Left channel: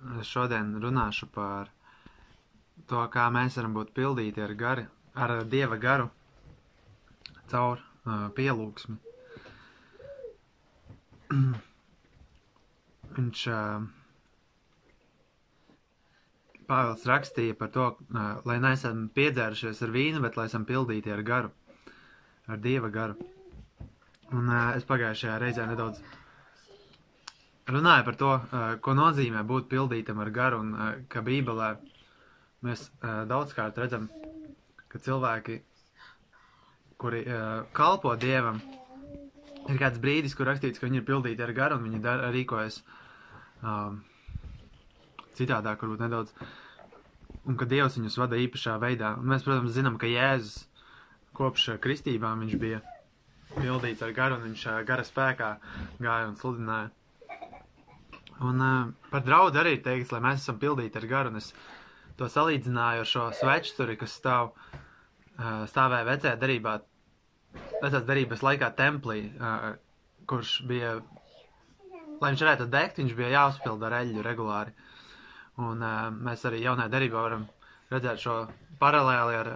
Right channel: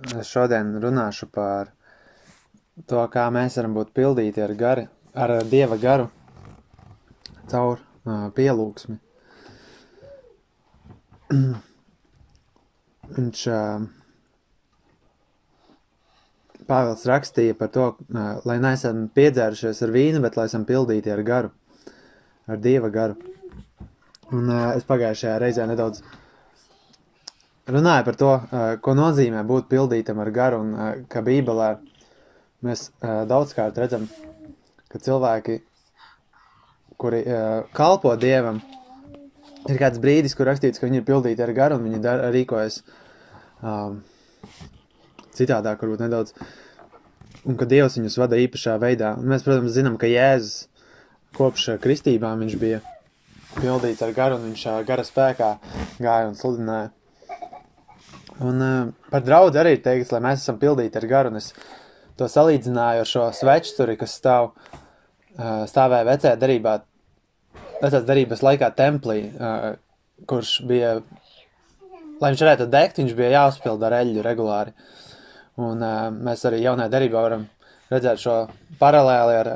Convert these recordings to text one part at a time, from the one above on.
Es šodien runāšu par to, kā mēs varam būt pildīti ar Dieva garu caur pielūgsmi. Viņš Pāvils rakstīja par to, lai neesam piedzērušies ar vīnu, bet lai esam pildīti ar garu, ar Dieva garu. Un es pagājušajā reizē nedaudz runāju par to, ko nozīmē būt pildītam ar garu, un ka Bībelē mēs daudzkārt redzam, ka cilvēki, kuri kalpo Dievam, ir kāds brīdis, kur rakstīts, ka viņi ir pildīti ar garu, un viņi rīkojas citādāk, varbūt nedaudz, un ka Dievs viņus vada īpašā veidā. Un mēs, protams, zinām, ka Jēzus kopš kristībām viņš bija pildīts ar garu, un viņš gara spēkā gāja un sludināja. Un par draudzi arī ir teikts, lai mēs esam pildīti ar garu, un es to salīdzināju ar šo svečturi, kas stāvēja vecās derības laikā templī, kurš bija, lai viņš varētu degt, viņš bija jāuzpilda ar eļļu regulāri. Un mēs arī jaunajā derībā varam redzēt šo paralēli ar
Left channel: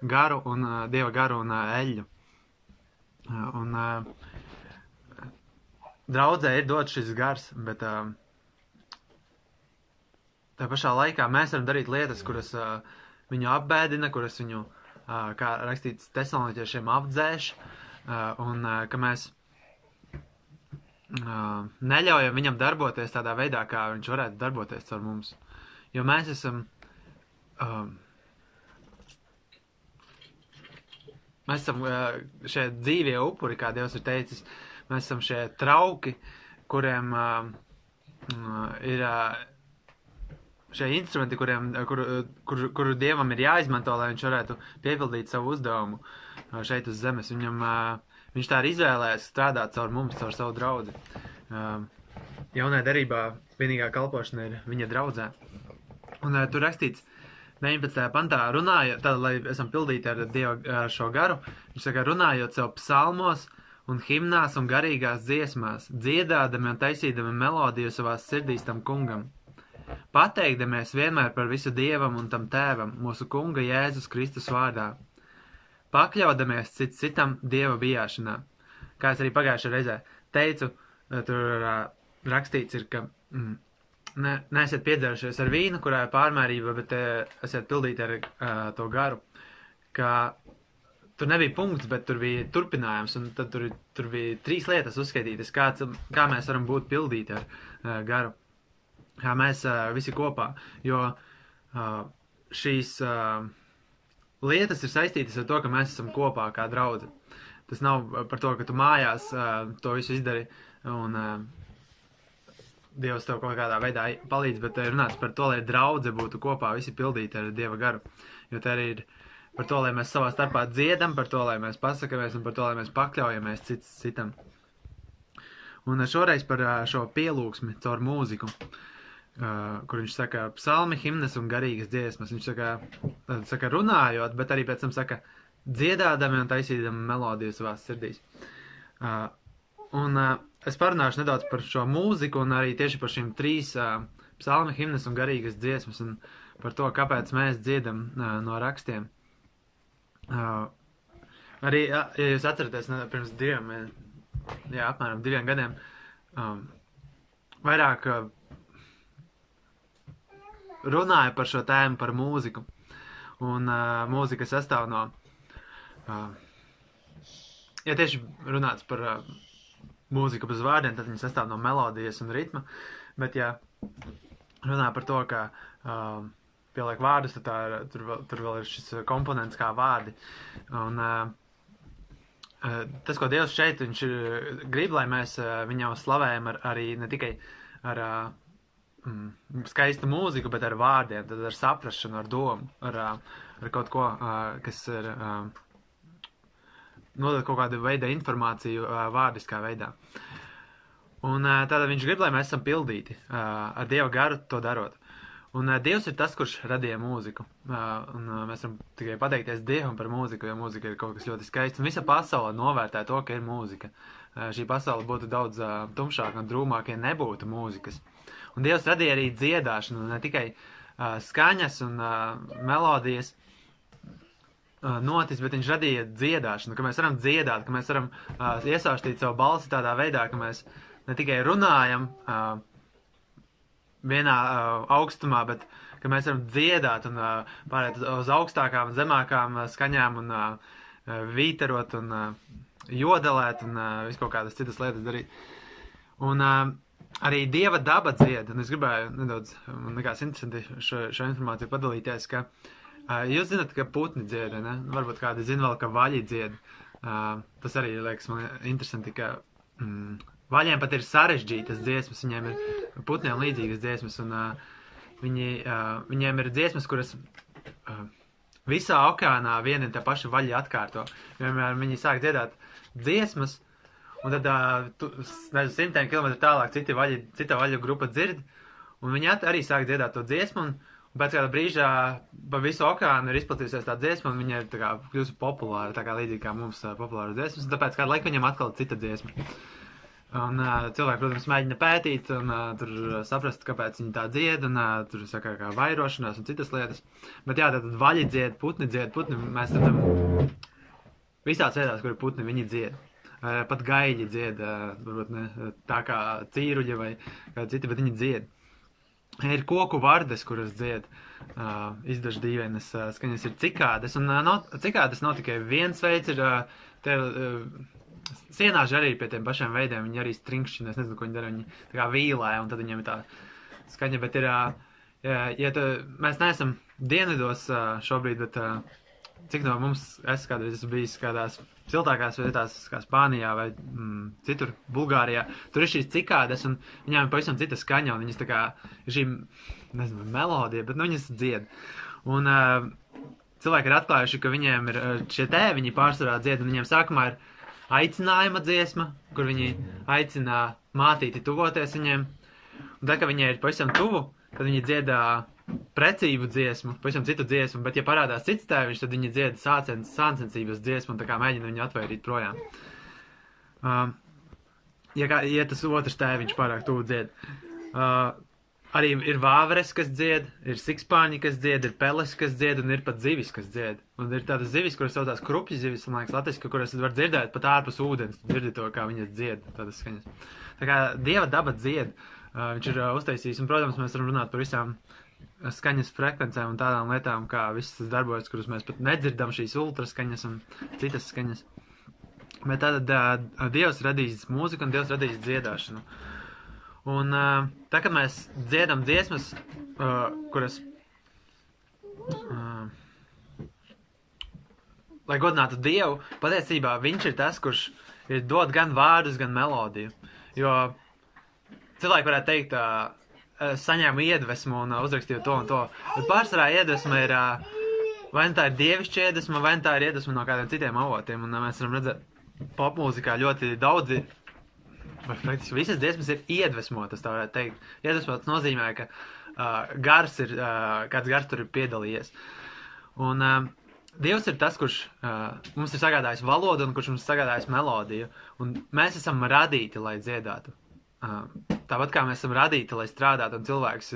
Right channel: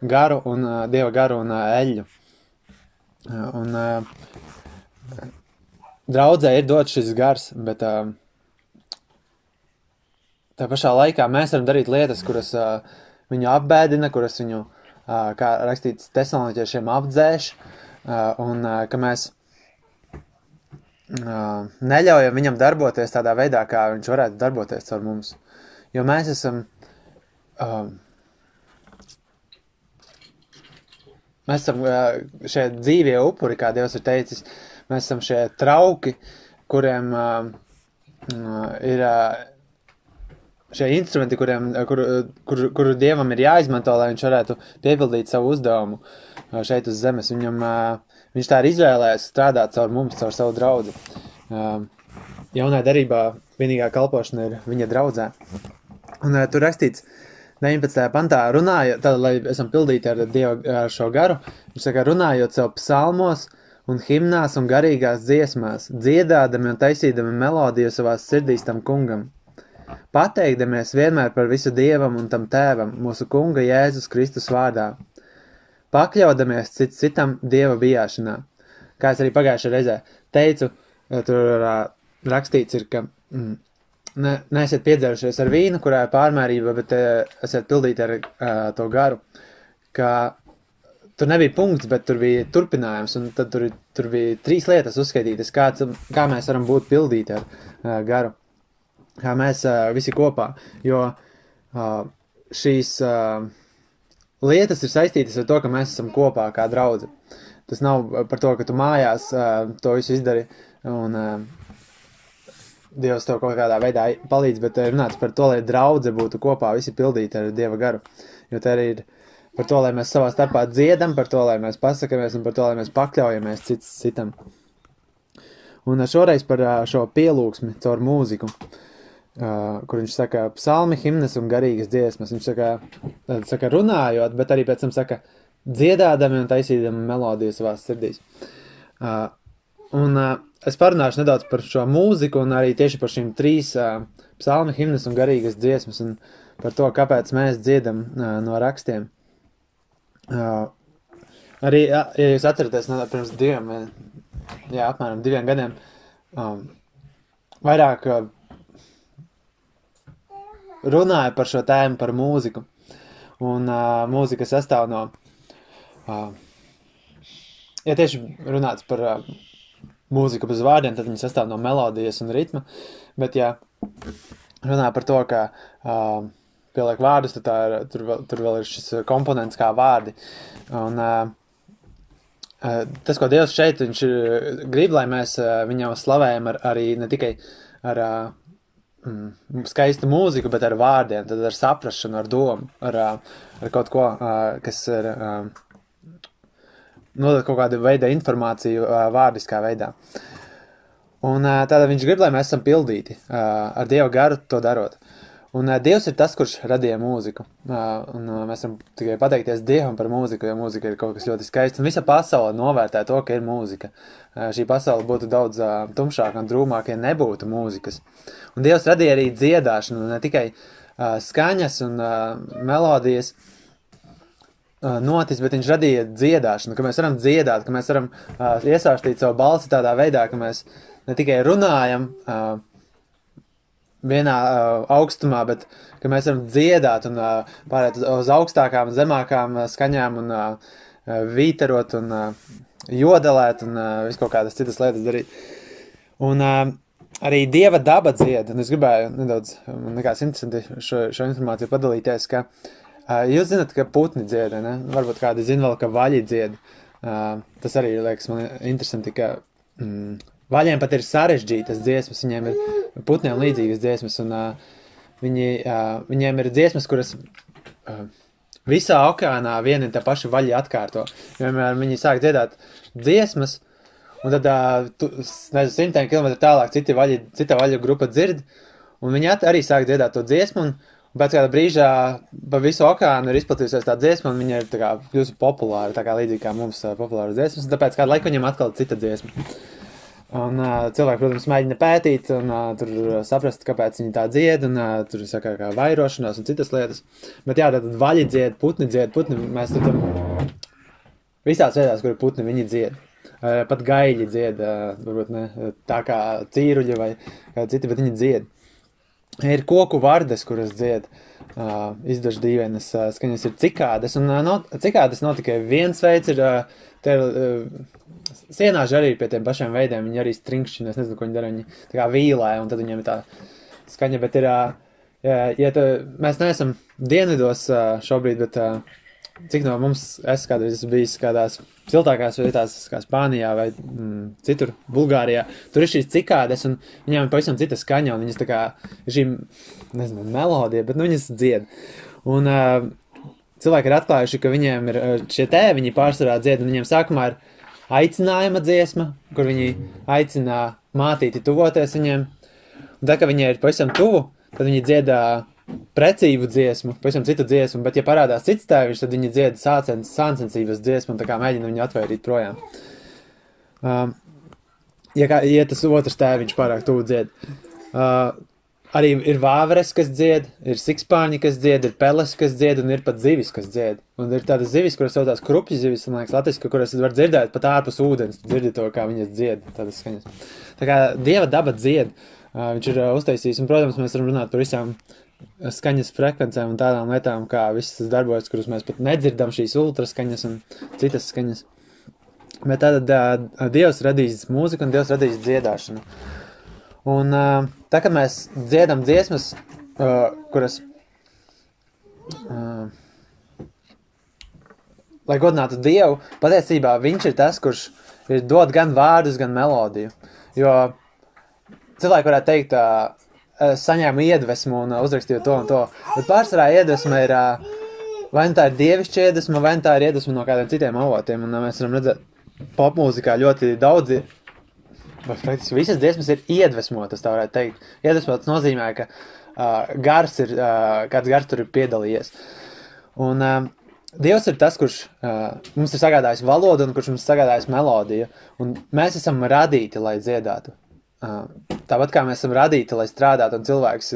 garu un Dieva garu un eļļu. Un draudzē ir dots šis gars, bet tā pašā laikā mēs varam darīt lietas, kuras viņu apbēdina, kuras viņu, kā rakstīts Tesaloniķiešiem, apdzēš, un ka mēs neļaujam viņam darboties tādā veidā, kā viņš varētu darboties caur mums. Jo mēs esam šie dzīvie upuri, kā Dievs ir teicis, mēs esam šie trauki, kuriem ir šie instrumenti, kuru Dievam ir jāizmanto, lai viņš varētu piepildīt savu uzdevumu šeit uz zemes. Viņš tā ir izvēlējies strādāt caur mums, caur savu draudzi. Jaunajā derībā vienīgā kalpošana ir viņa draudzē. Un tur rakstīts 19. pantā, tad, lai esam pildīti ar šo garu, viņš saka, runājot sev psalmos un himnās un garīgās dziesmās, dziedādami un taisīdami melodiju savās sirdīs tam kungam. Pateikdamies vienmēr par visu Dievam un tam Tēvam, mūsu kunga Jēzus Kristus vārdā. Pakļaudamies citam Dieva bijāšanā. Kā es arī pagājušajā reizē teicu, tur rakstīts ir, ka neesiet piedzērušies ar vīnu, kurā ir pārmērība, bet esiet pildīti ar to garu. Ka tur nebija punkts, bet tur bija turpinājums, un tad tur bija 3 lietas uzskaitītas, kā mēs varam būt pildīti ar garu. Kā mēs visi kopā, jo šīs lietas ir saistītas ar to, ka mēs esam kopā kā draudze. Tas nav par to, ka tu mājās to visu izdari un Dievs tev kaut kādā veidā palīdz, bet runāts par to, lai draudze būtu kopā, visi pildīti ar Dieva garu. Jo te arī ir par to, lai mēs savā starpā dziedam, par to, lai mēs pasakamies un par to, lai mēs pakļaujamies citam. Un šoreiz par šo pielūgsmi caur mūziku, kur viņš saka psalmi, himnas un garīgas dziesmas. Viņš saka runājot, bet arī pēc tam saka dziedādami un taisīdami melodiju savās sirdīs. Un es parunāšu nedaudz par šo mūziku un arī tieši par šīm 3 psalmi, himnas un garīgas dziesmas un par to, kāpēc mēs dziedam no rakstiem. Arī, ja jūs atceraties, pirms apmēram 2 gadiem, vairāk runāja par šo tēmu, par mūziku. Un mūzika sastāv no, ja tieši runāts par mūziku bez vārdiem, tad viņi sastāv no melodijas un ritma, bet ja runā par to, ka pieliek vārdus, tad tur vēl ir šis komponents kā vārdi. Un tas, ko Dievs šeit, viņš grib, lai mēs viņam slavējam arī ne tikai ar skaistu mūziku, bet ar vārdiem, tad ar saprašanu, ar domu, ar kaut ko, kas ir nodot kaut kādu veidu informāciju vārdiskā veidā. Un tātad viņš grib, lai mēs esam pildīti ar Dieva garu to darot. Un Dievs ir tas, kurš radīja mūziku. Mēs varam tikai pateikties Dievam par mūziku, jo mūzika ir kaut kas ļoti skaists. Un visa pasaule novērtē to, ka ir mūzika. Šī pasaule būtu daudz tumšāka un drūmāka, ja nebūtu mūzikas. Un Dievs radīja arī dziedāšanu, ne tikai skaņas un melodijas notis, bet viņš radīja dziedāšanu, ka mēs varam dziedāt, ka mēs varam iesāstīt savu balsi tādā veidā, ka mēs ne tikai runājam vienā augstumā, bet ka mēs varam dziedāt un pārēt uz augstākām un zemākām skaņām un vīterot un jodelēt un visu kaut kādas citas lietas darīt. Un arī Dieva daba dzied, un es gribēju nedaudz, man likās interesanti šo informāciju padalīties, ka jūs zināt, ka putni dzied, ne? Varbūt kādi zina vēl, ka vaļi dzied. Tas arī liekas man interesanti, ka vaļiem pat ir sarežģītas dziesmas, viņiem ir putniem līdzīgas dziesmas, un viņiem ir dziesmas, kuras visā okeānā vieni un te paši vaļi atkārto. Vienmēr viņi sāk dziedāt dziesmas, un tad, nezinu, 100 kilometru tālāk cita vaļu grupa dzird, un viņi arī sāk dziedāt to dziesmu, un pēc kāda brīžā pa visu okeānu ir izplatījusies tā dziesma, un viņa ir tā kā kļūsi populāra, tā kā līdzīgi kā mums populāra dziesmas, un tāpēc kādu laiku viņam atkal cita dziesma. Un cilvēki, protams, mēģina pētīt un tur saprast, kāpēc viņi tā dzied, un tur saka kā vairošanās un citas lietas. Bet jā, tātad vaļi dzied, putni, mēs redzam visās vietās, kur ir putni, viņi dzied. Pat gaļi dzied, varbūt ne tā kā cīruļi vai kā citi, bet viņi dzied. Ir koku vardes, kuras dzied, izdaž dīvainas skaņas, ir cikādes, un cikādes nav tikai viens veids, sienāži arī pie tiem pašiem veidiem, viņi arī strinkšķina, es nezinu, ko viņi dara, viņi tā kā vīlē, un tad viņiem ir tā skaņa, bet ir, mēs neesam dienvidos šobrīd, bet cik no mums kādreiz esmu bijis kādās siltākās vietās, kā Spānijā vai citur, Bulgārijā, tur ir šīs cikādes, un viņām ir pavisam cita skaņa, un viņas tā kā ir šī, nezinu, melodija, bet viņas dzied. Un cilvēki ir atklājuši, ka viņiem ir šie tēviņi pārsvarā dzied, un viņiem sākumā ir aicinājuma dziesma, kur viņi aicina mātīti tuvoties viņiem. Un tā, ka viņi ir pavisam tuvu, tad viņi dziedā precīvu dziesmu, pavisam citu dziesmu, bet ja parādās cits tēviņš, tad viņi dzied sāncensības dziesmu un tā kā mēģina viņu atvairīt projām. Ja tas otrs tēviņš pārāk tuvu dzied. Arī ir vāveres, kas dzied, ir sikspārņi, kas dzied, ir peles, kas dzied, un ir pat zivis, kas dzied. Un ir tādas zivis, kuras saucās krupju zivis, man liekas, latviski, kuras var dzirdēt pat ārpus ūdens, dzirdi to, kā viņas dzied, tādas skaņas. Tā kā Dieva daba dzied, viņš ir uztaisījis, un, protams, mēs varam runāt par visām skaņas frekvencēm un tādām lietām, kā visas tas darbojas, kurus mēs pat nedzirdam, šīs ultraskaņas un citas skaņas. Bet tātad Dievs radījis mūziku un Dievs radījis dziedāšanu. Un tā, kad mēs dziedam dziesmas, kuras, lai godinātu Dievu, patiesībā viņš ir tas, kurš ir dod gan vārdus, gan melodiju. Jo cilvēki varētu teikt, saņēmu iedvesmu un uzrakstīju to un to, bet pārsvarā iedvesma ir, vai nu tā ir dievišķa iedvesma, vai nu tā ir iedvesma no kādiem citiem avotiem, un mēs varam redzēt popmūzikā ļoti daudzi, praktiski visas dziesmas ir iedvesmotas, tā varētu teikt. Iedvesmotas nozīmē, ka kāds gars tur ir piedalījies. Un Dievs ir tas, kurš mums ir sagādājis valodu un kurš mums sagādājis melodiju. Un mēs esam radīti, lai dziedātu. Tāpat kā mēs esam radīti, lai strādātu, un cilvēks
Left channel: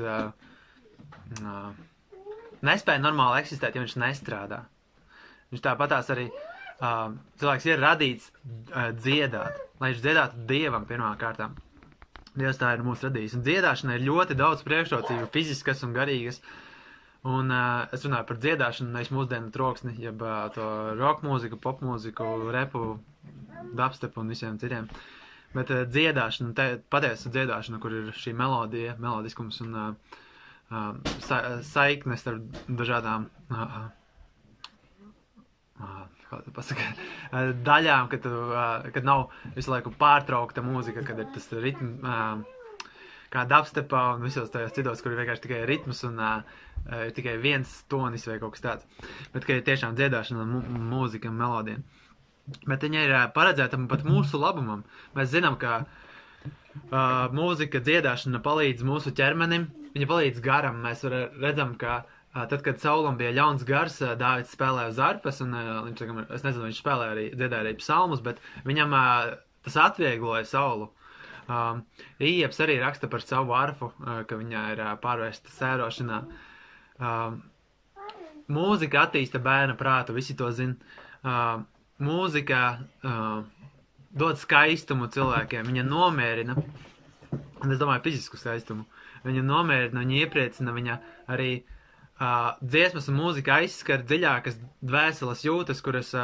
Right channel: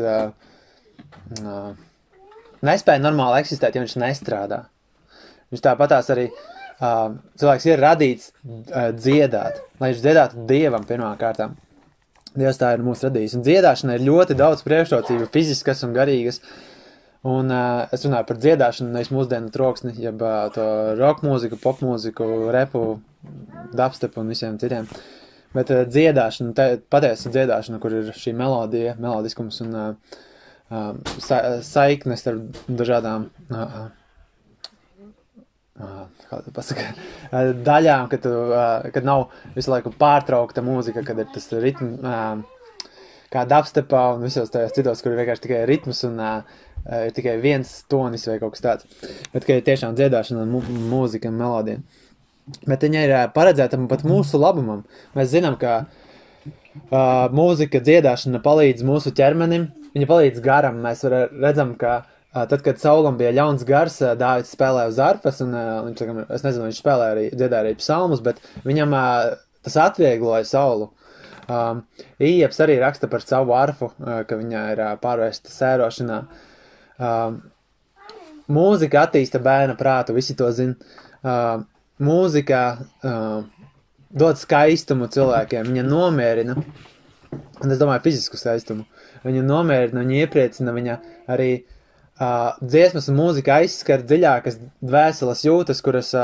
nespēja normāli eksistēt, ja viņš nestrādā. Viņš tāpatās arī cilvēks ir radīts dziedāt, lai viņš dziedātu Dievam pirmā kārtā. Dievs tā ir mūs radījis. Un dziedāšana ir ļoti daudz priekšrocību, fiziskas un garīgas. Un es runāju par dziedāšanu, nevis mūsdienu troksni, jeb to rock mūziku, pop mūziku, repu, dubstepu un visiem citiem. Bet dziedāšana, patiesa dziedāšana, kur ir šī melodija, melodiskums un saiknes ar dažādām daļām, kad nav visu laiku pārtraukta mūzika, kad ir tas ritms, kā dubstepā un visos tajos citos, kur ir vienkārši tikai ritms un ir tikai viens tonis vai kaut kas tāds. Bet, ka ir tiešām dziedāšana un mūzika un melodija. Bet viņa ir paredzēta pat mūsu labumam. Mēs zinām, ka mūzika, dziedāšana palīdz mūsu ķermenim, viņa palīdz garam. Mēs redzam, ka tad, kad Saulam bija ļauns gars, Dāvids spēlēja uz arfas, un viņš, es nezinu, viņš dziedāja arī psalmus, bet viņam tas atviegloja Saulu. Ieps arī raksta par savu arfu, ka viņa ir pārvērsta sērošanā. Mūzika attīsta bērna prātu, visi to zina. Mūzika dod skaistumu cilvēkiem, viņa nomierina, un es domāju fizisku skaistumu, viņa nomierina, viņa iepriecina, viņa arī dziesmas un mūzika aizskar dziļākas dvēseles jūtas, kuras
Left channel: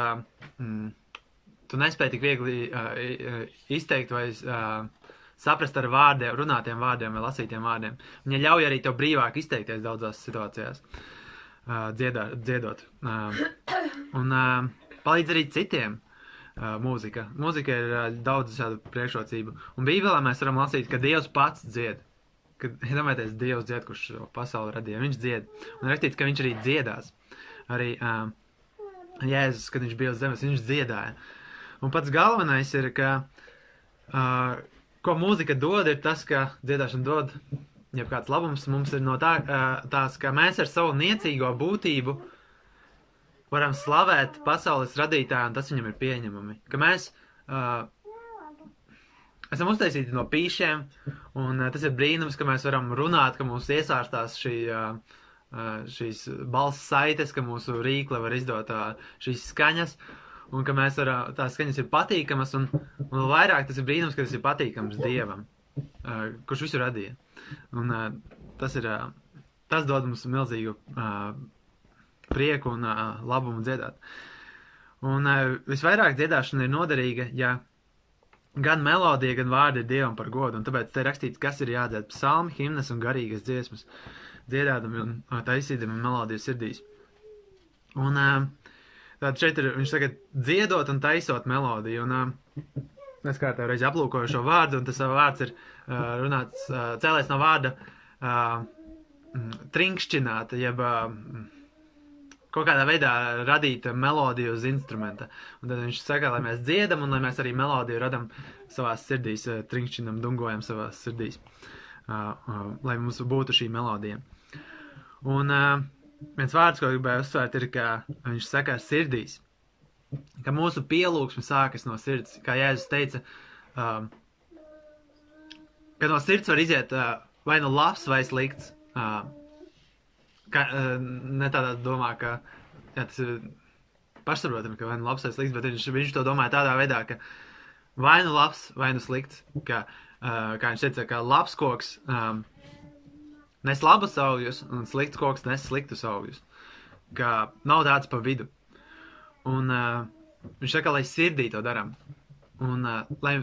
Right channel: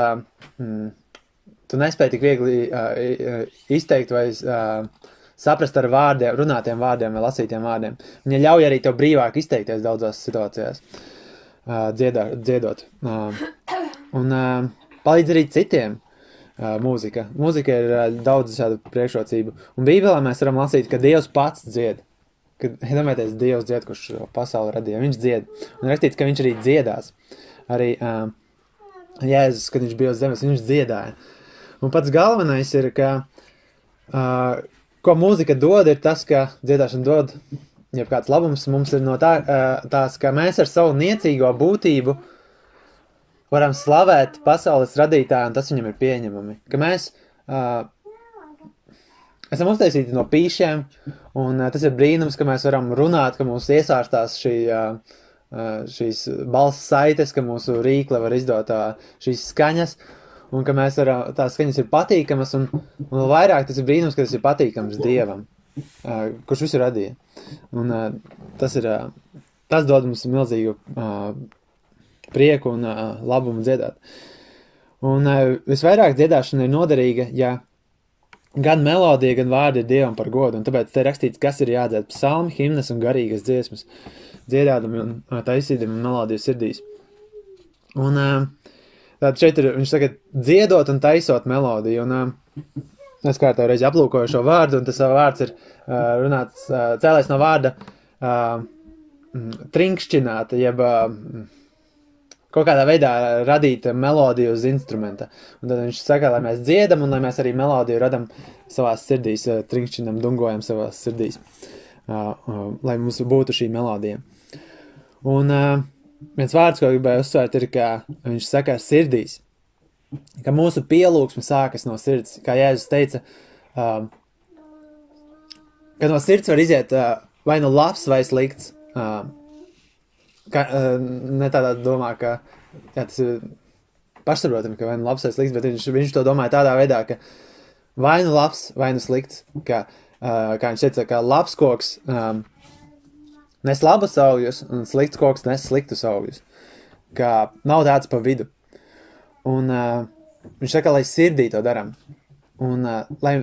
tu nespēji tik viegli izteikt vai saprast ar vārdiem, runātiem vārdiem vai lasītiem vārdiem. Viņa ļauj arī tev brīvāk izteikties daudzās situācijās, dziedot. Un palīdz arī citiem. Mūzika. Mūzika ir daudz šādu priekšrocību. Un Bībelē mēs varam lasīt, ka Dievs pats dzied. Kad, iedomājieties, Dievs dzied, kurš šo pasauli radīja. Viņš dzied. Un rakstīts, ka viņš arī dziedās. Arī Jēzus, kad viņš bija uz zemes, viņš dziedāja. Un pats galvenais ir, ka ko mūzika dod, ir tas, ka dziedāšana dod jebkāds labums. Mums ir no tās, ka mēs ar savu niecīgo būtību varam slavēt pasaules radītāju, un tas viņam ir pieņemami. Ka mēs esam uztaisīti no pīšiem, un tas ir brīnums, ka mēs varam runāt, ka mūs iesārstās šīs balss saites, ka mūsu rīkle var izdot šīs skaņas, un ka mēs tās skaņas ir patīkamas, un vēl vairāk tas ir brīnums, ka tas ir patīkams Dievam, kurš visu radīja. Un tas dod mums milzīgu prieku un labumu dziedāt. Un visvairāk dziedāšana ir noderīga, ja gan melodija, gan vārdi ir Dievam par godu, un tāpēc te rakstīts, kas ir jādzied: psalmi, himnas un garīgas dziesmas, dziedādami un taisīdami melodiju sirdīs. Un tātad šeit viņš saka dziedot un taisot melodiju, un es kārtā reizi aplūkoju šo vārdu, un tas vārds ir runāts, cēlēs no vārda trinkšķināt, jeb kaut kādā veidā radīt melodiju uz instrumenta. Un tad viņš saka, lai mēs dziedam un lai mēs arī melodiju radam savās sirdīs, trinkšķinam, dungojam savās sirdīs, lai mums būtu šī melodija. Un viens vārds, ko gribēju uzsvērt, ir, ka viņš saka sirdīs, ka mūsu pielūgsme sākas no sirds. Kā Jēzus teica, ka no sirds var iziet vai nu labs vai slikts. Ne tādā domā, ka tas ir pašsaprotami, ka vai nu labs vai slikts, bet viņš to domāja tādā veidā, ka vai nu labs, vai nu slikts, kā viņš teica, ka labs koks nes labus augļus un slikts koks nes sliktus augļus, ka nav tāds pa vidu. Un viņš saka, lai sirdī to daram, un lai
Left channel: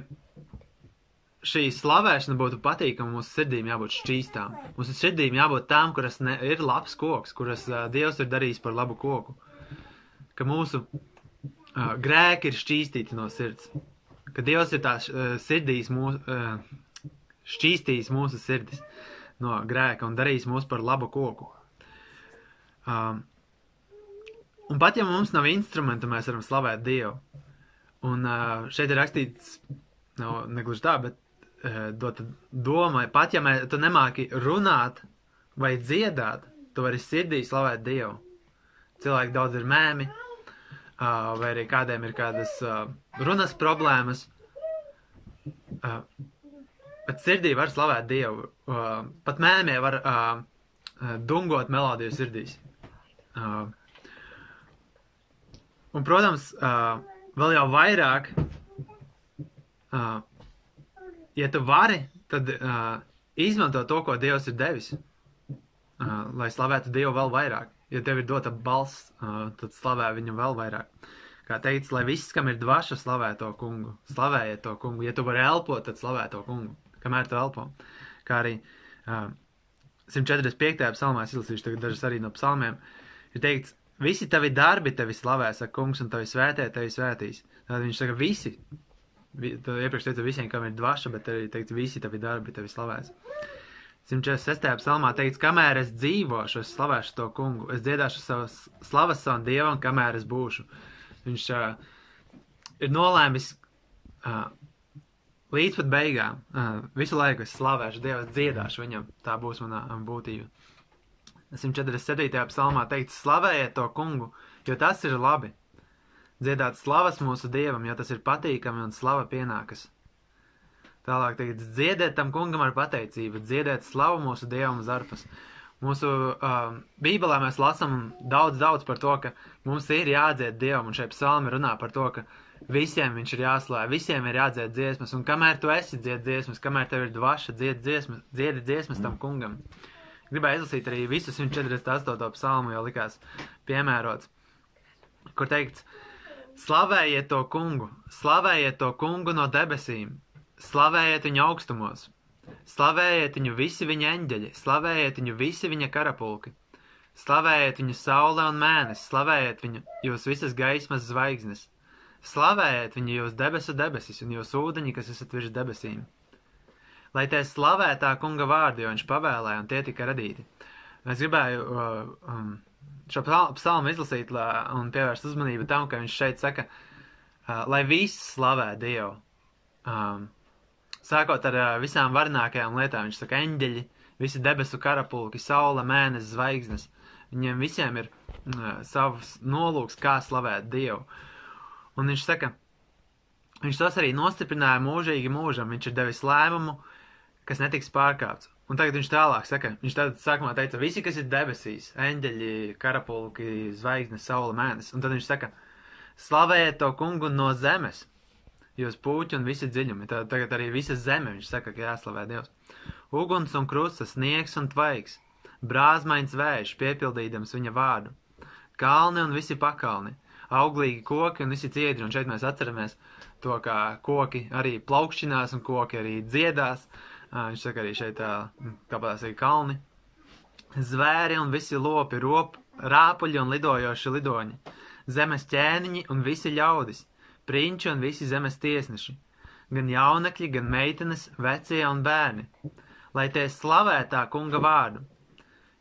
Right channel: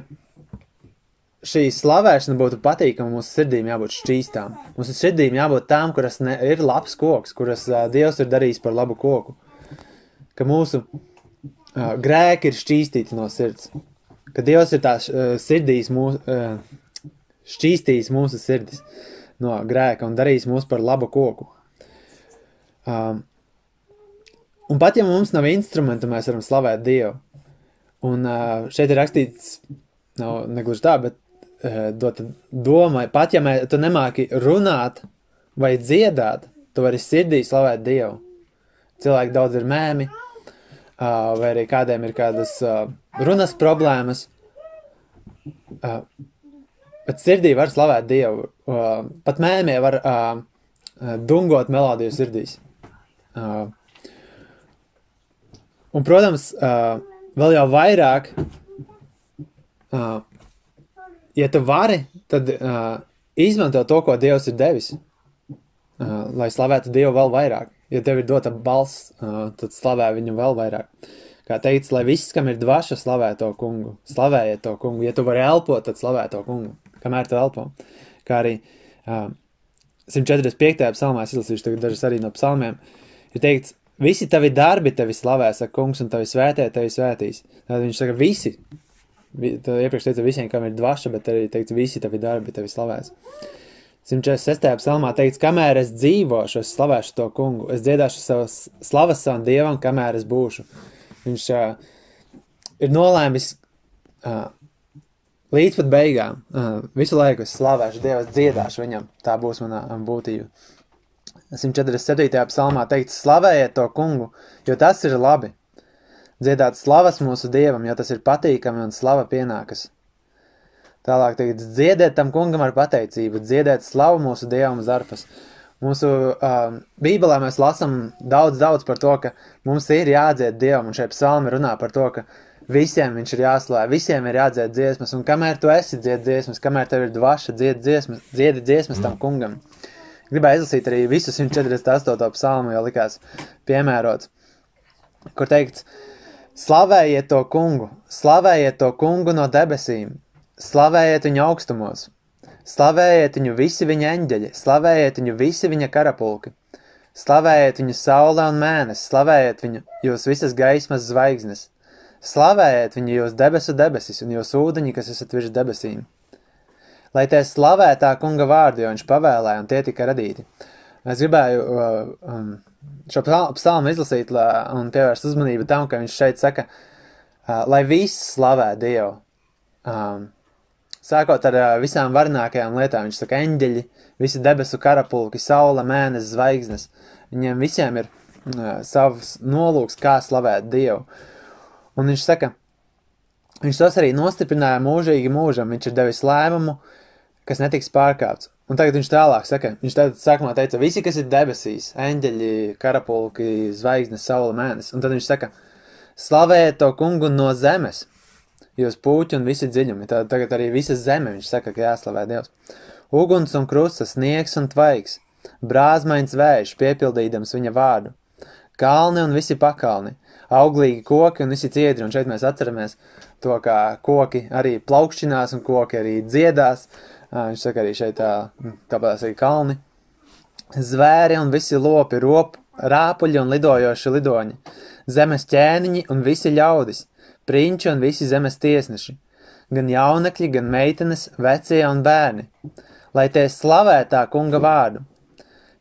šī slavēšana būtu patīkama, mūsu sirdīm jābūt šķīstām. Mūsu sirdīm jābūt tām, kuras ir labs koks, kuras Dievs ir darījis par labu koku. Ka mūsu grēki ir šķīstīti no sirds. Ka Dievs ir tās sirdīs šķīstījis mūsu sirdis no grēka un darījis mūs par labu koku. Un pat ja mums nav instrumentu, mēs varam slavēt Dievu. Un šeit ir rakstīts, nav negluži tā, bet dota doma, pat ja tu nemāki runāt vai dziedāt, tu vari sirdī slavēt Dievu. Cilvēki daudz ir mēmi, vai arī kādiem ir kādas runas problēmas, bet sirdī var slavēt Dievu. Pat mēmie var dungot melodiju sirdīs. Un, protams, vēl jau vairāk, ja tu vari, tad izmanto to, ko Dievs ir devis, lai slavētu Dievu vēl vairāk. Ja tev ir dota balss, tad slavē viņu vēl vairāk. Kā teikts, lai viss, kam ir dvaša, slavē to kungu. Slavējiet to kungu. Ja tu vari elpot, tad slavē to kungu, kamēr tu elpo. Kā arī 145. psalmā, es izlasīšu tagad dažas arī no psalmiem, ir teikts, visi tavi darbi tevi slavē, saka kungs, un tavi svētē tevi svētīs. Tad viņš saka, visi. Iepriekš teica visiem, kam ir dvaša, bet arī teikts, visi tavi darbi tevi slavēs. 146. psalmā teikts, kamēr es dzīvošu, es slavēšu to kungu. Es dziedāšu savas slavas savam Dievam, kamēr es būšu. Viņš ir nolēmis līdz pat beigām. Visu laiku es slavēšu Dievu, es dziedāšu viņam. Tā būs mana būtība. 147. psalmā teikts, slavējiet to kungu, jo tas ir labi. Dziedāt slavas mūsu Dievam, jo tas ir patīkami un slava pienākas. Tālāk teikts, dziediet tam kungam ar pateicību, dziediet slavu mūsu Dievam uz arfas. Mūsu Bībelē mēs lasam daudz par to, ka mums ir jādzied Dievam, un šeit psalmi runā par to, ka visiem viņš ir jāslāv, visiem ir jādzied dziesmas, un kamēr tu esi dzied dziesmas, kamēr tev ir dvaša, dziedi dziesmas tam kungam. Gribēju izlasīt arī visu 148. psalmu, jo likās piemērots, kur teikts, slavējiet to kungu no debesīm, slavējiet viņu augstumos, slavējiet viņu visi viņa eņģeļi, slavējiet viņu visi viņa karapulki, slavējiet viņu saule un mēnes, slavējiet viņu jūs visas gaismas zvaigznes, slavējiet viņu jūs debesu debesis un jūs ūdeņi, kas esat virs debesīm. Lai tie slavē tā kunga vārdu, jo viņš pavēlēja un tie tika radīti. Es gribēju šo psalmu izlasīt un pievērst uzmanību tam, ka viņš šeit saka, lai viss slavē Dievu. Sākot ar visām varnākajām lietām, viņš saka eņģeļi, visi debesu karapulki, saule, mēnes, zvaigznes. Viņiem visiem ir savs nolūks, kā slavēt Dievu. Un viņš saka, viņš tos arī nostiprināja mūžīgi mūžam, viņš ir devis lēmumu, kas netiks pārkāpts. Un tagad viņš tālāk saka, viņš tad sākumā teica, visi, kas ir debesīs, eņģeļi, karapulki, zvaigznes, saule, mēnes. Un tad viņš saka, slavējiet to kungu no zemes, jūs puķi un visi dziļumi. Tagad arī visa zeme, viņš saka, ka jāslavē Dievs. Uguns un krusta, sniegs un tvaiks, brāzmains vējš, piepildīdams viņa vārdu. Kalni un visi pakalni, auglīgi koki un visi ciedri. Un šeit mēs atceramies to, kā koki arī plaukšķinās un koki arī dziedās. Viņš saka arī šeit tāpēc arī kalni. Zvēri un visi lopi, rāpuļi un lidojoši lidoņi, zemes ķēniņi un visi ļaudis, prinči un visi zemes tiesneši, gan jaunekļi, gan meitenes, vecie un bērni, lai tie slavē tā kunga vārdu,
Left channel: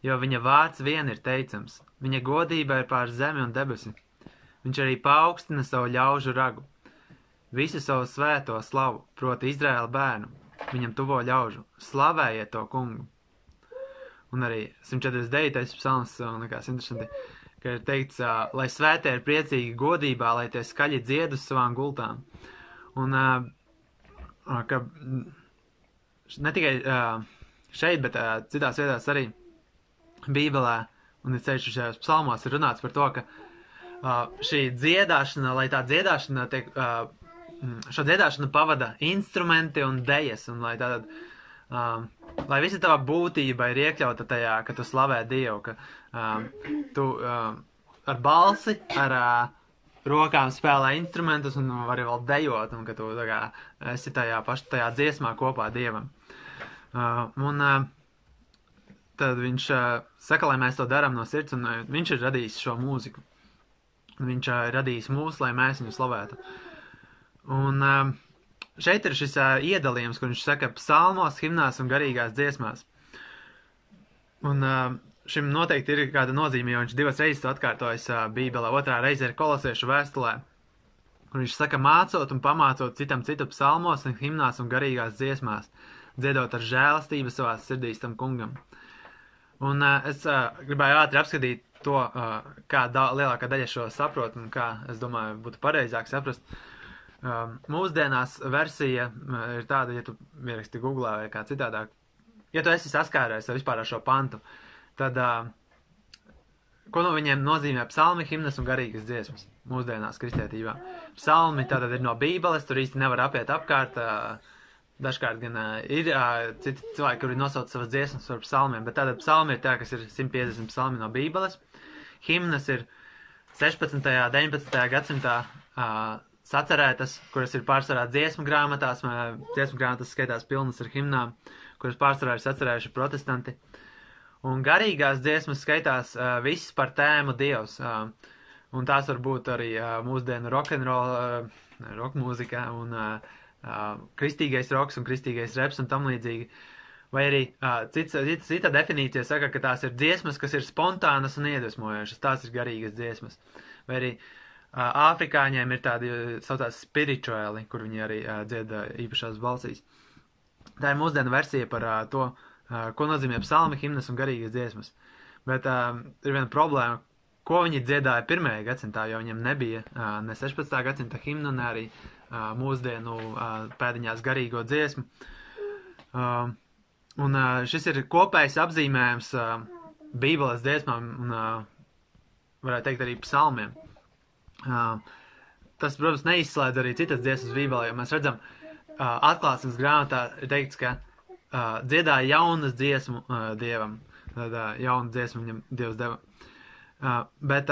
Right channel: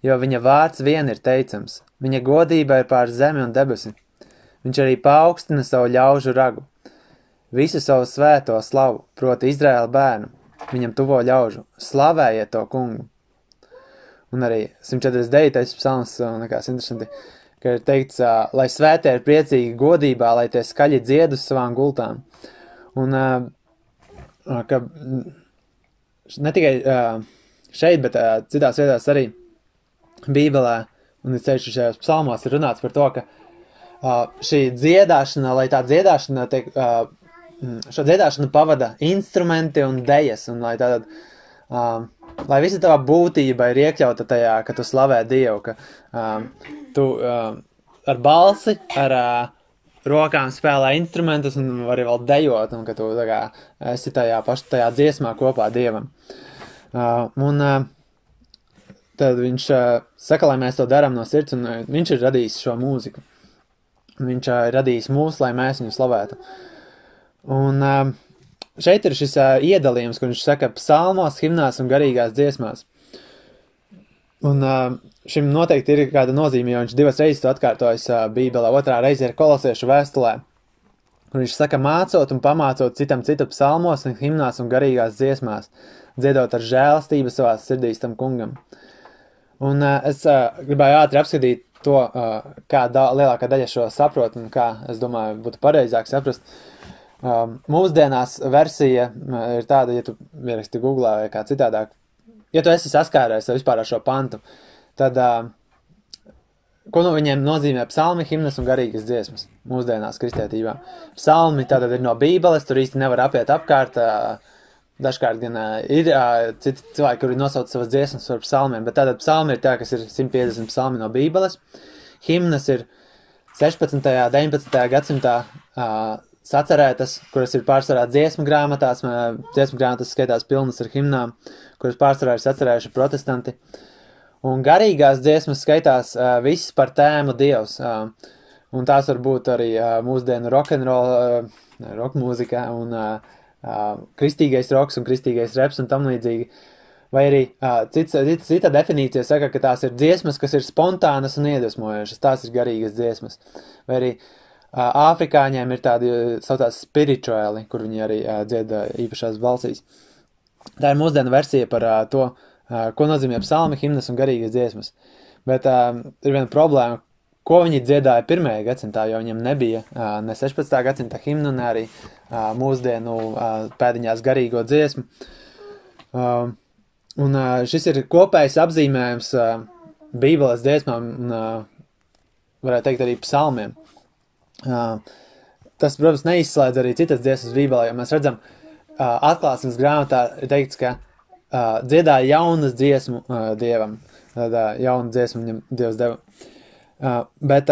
jo viņa vārds vien ir teicams, viņa godība ir pār zemi un debesi, viņš arī paaugstina savu ļaužu ragu, visu savu svēto slavu, proti Izraēla bērnu, viņam tuvo ļaužu, slavējiet to kungu. Un arī 149. psalms, likās interesanti, ka ir teikts, lai svētie ir priecīgi godībā, lai tie skaļi dzied uz savām gultām. Un, ka ne tikai šeit, bet citās vietās arī Bībelē, un es ceļšu šajos psalmos ir runāts par to, ka šī dziedāšana, lai tā dziedāšana tiek, šo dziedāšanu pavada instrumenti un dejas, un lai tātad, lai visa tava būtība ir iekļauta tajā, ka tu slavē Dievu, ka tu ar balsi, ar rokām spēlē instrumentus un vari vēl dejot, un ka tu tā kā esi tajā dziesmā kopā Dievam. Un tad viņš saka, lai mēs to darām no sirds, un viņš ir radījis šo mūziku. Viņš ir radījis mūs, lai mēs viņu slavētu. Un šeit ir šis iedalījums, kur viņš saka psalmos, himnās un garīgās dziesmās. Un šim noteikti ir kāda nozīme, jo viņš 2 reizes to atkārtojas Bībelē, 2. reize ir Kolosiešu vēstulē, kur viņš saka mācot un pamācot citam citu psalmos un himnās un garīgās dziesmās, dziedot ar žēlastību savās sirdīs tam kungam. Un es gribēju ātri apskatīt to, kā lielākā daļa šo saprot un kā, es domāju, būtu pareizāk saprast. Mūsdienās versija ir tāda, ja tu ieraksti Googlā vai kā citādāk, ja tu esi saskārējies vispār ar šo pantu, tad, ko no viņiem nozīmē psalmi, himnas un garīgas dziesmas mūsdienās kristietībā. Psalmi tātad ir no Bībeles, tur īsti nevar apiet apkārt, dažkārt gan ir citi cilvēki, kuri nosauc savas dziesmas par psalmiem, bet tātad psalmi ir tā, kas ir 150 psalmi no Bībeles, himnas ir 16. 19. gadsimtā sacerētas, kuras ir pārsvarā dziesmu grāmatās skaitās pilnas ar himnām, kuras pārsvarā ir sacerējuši protestanti. Un garīgās dziesmas skaitās viss par tēmu Dievs. Un tās var būt arī mūsdienu rock'n'roll, rock mūzikā un kristīgais roks un kristīgais reps un tam līdzīgi. Vai arī cita definīcija saka, ka tās ir dziesmas, kas ir spontānas un iedvesmojošas. Tās ir garīgas dziesmas. Vai arī Āfrikāņiem ir tādi saucās spirituāli, kur viņi arī dzied īpašās balsīs. Tā ir mūsdienu versija par to, ko nozīmē psalmi, himnas un garīgas dziesmas. Bet ir viena problēma, ko viņi dziedāja 1. gadsimtā, jo viņiem nebija ne 16. gadsimta himnu, ne arī mūsdienu pēdiņās garīgo dziesmu. Un šis ir kopējs apzīmējums Bībeles dziesmām un, varētu teikt, arī psalmiem. Tas, protams, neizslēdz arī citas dziesmas Bībelē, jo mēs redzam, atklāsmes grāmatā ir teikts, ka dziedāja jaunas dziesmu Dievam. Tāda jauna dziesma viņam Dievs deva. Bet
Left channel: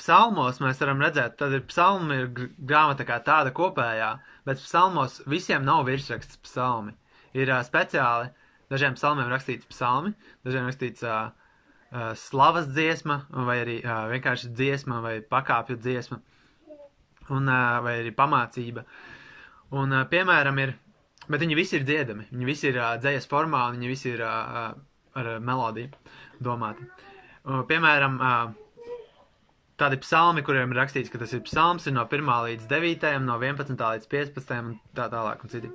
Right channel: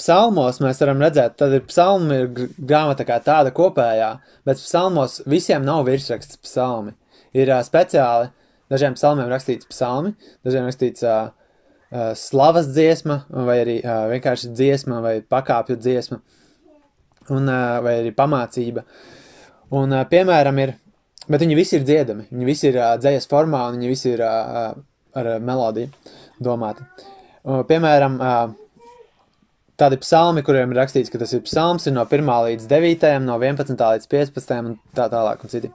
psalmos mēs varam redzēt, tad ir psalmi ir grāmata kā tāda kopējā, bet psalmos visiem nav virsraksts psalmi. Ir speciāli, dažiem psalmiem rakstīts psalmi, dažiem rakstīts slavas dziesma, vai arī vienkārši dziesma, vai pakāpju dziesma, un, vai arī pamācība. Un, piemēram, bet viņi visi ir dziedami, viņi visi ir dzejas formā, un viņi visi ir ar melodiju domāti. Piemēram, tādi psalmi, kuriem ir rakstīts, ka tas ir psalms, ir no 1. līdz 9., no 11. līdz 15. un tā tālāk, un citi.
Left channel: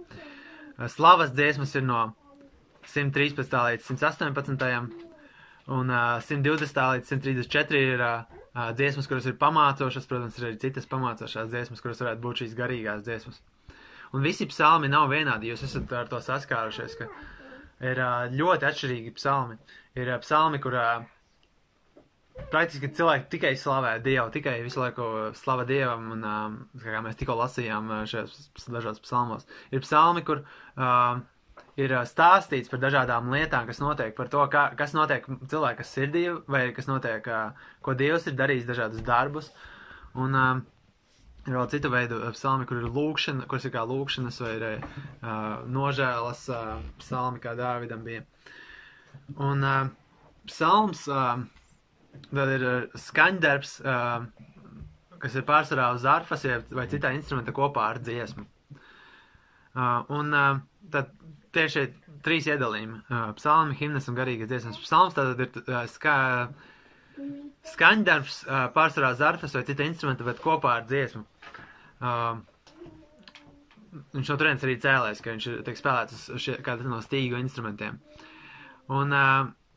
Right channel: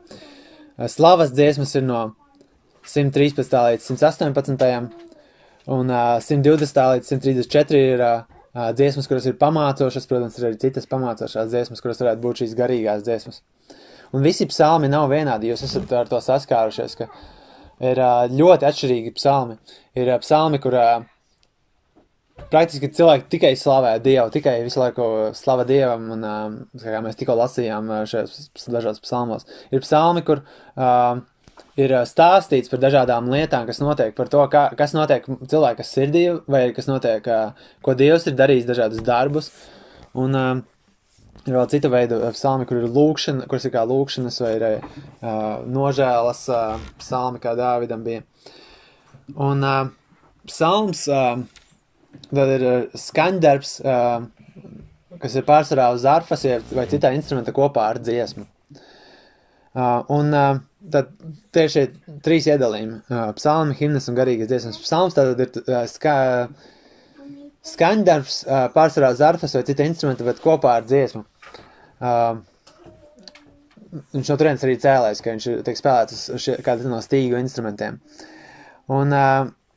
Slavas dziesmas ir no 113. līdz 118. Un 120. līdz 134 ir dziesmas, kuras ir pamācošas, protams, ir arī citas pamācošās dziesmas, kuras varētu būt šīs garīgās dziesmas. Un visi psalmi nav vienādi, jūs esat ar to saskārušies, ka ir ļoti atšķirīgi psalmi. Ir psalmi, kur praktiski cilvēki tikai slavē Dievu, tikai visu laiku slava Dievam, un kā mēs tikko lasījām šajos dažos psalmos. Ir psalmi, kur ir stāstīts par dažādām lietām, kas notiek, par to, kas notiek cilvēka sirdī, vai kas notiek, ko Dievs ir darījis dažādus darbus. Un ir vēl cita veida psalmi, kur ir lūkšana, kuras ir kā lūkšanas, vai ir nožēlas psalmi, kā Dāvidam bija. Un psalms tad ir skaņdarbs, kas ir pārsvarā uz arfas vai citā instrumenta kopā ar dziesmu. Un tad tieši 3 iedalījumi - psalmi, himnas un garīgas dziesmas. Psalms tātad ir skaņdarbs pārsvarā uz arfas vai cita instrumenta, bet kopā ar dziesmu. Viņš no turienes arī cēlēs, ka viņš tiek spēlēts uz kādu no stīgu instrumentiem. Un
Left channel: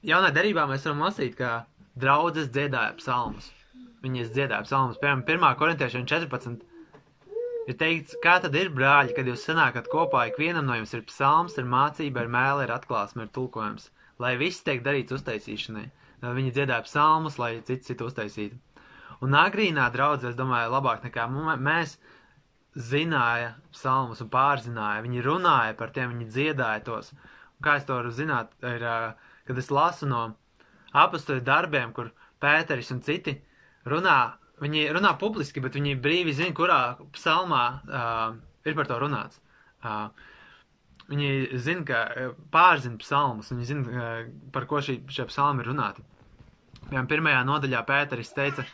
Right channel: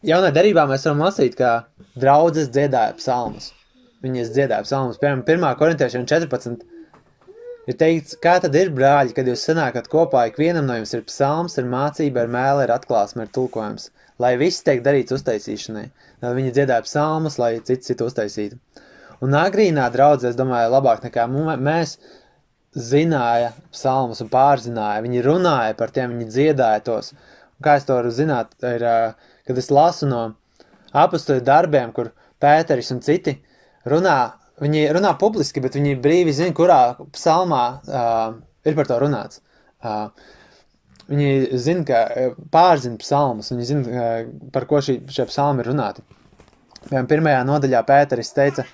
jaunā derībā mēs varam lasīt, ka draudzes dziedāja psalmus. Viņas dziedāja psalmus. Piemēram, 1. korintiešiem 14 ir teikts, kā tad ir, brāļi, kad jūs sanākat kopā, ikvienam no jums ir psalms, ir mācība, ir mēle, ir atklāsme, ir tulkojums, lai viss tiek darīts uztaisīšanai. Tad viņi dziedāja psalmus, lai cits uztaisītu. Un agrīnā draudzē, es domāju, labāk nekā mēs zināja psalmus un pārzināja. Viņi runāja par tiem, viņi dziedāja tos. Un kā es to varu zināt, ir, kad es lasu no apostoļu darbiem, kur Pēteris un citi runā, viņi runā publiski, bet viņi brīvi zina, kurā psalmā ir par to runāts. Viņi zina, ka pārzina psalmus, viņi zina, par ko šie psalmi ir runāti. Piemēram, 1. nodaļā Pēteris teica,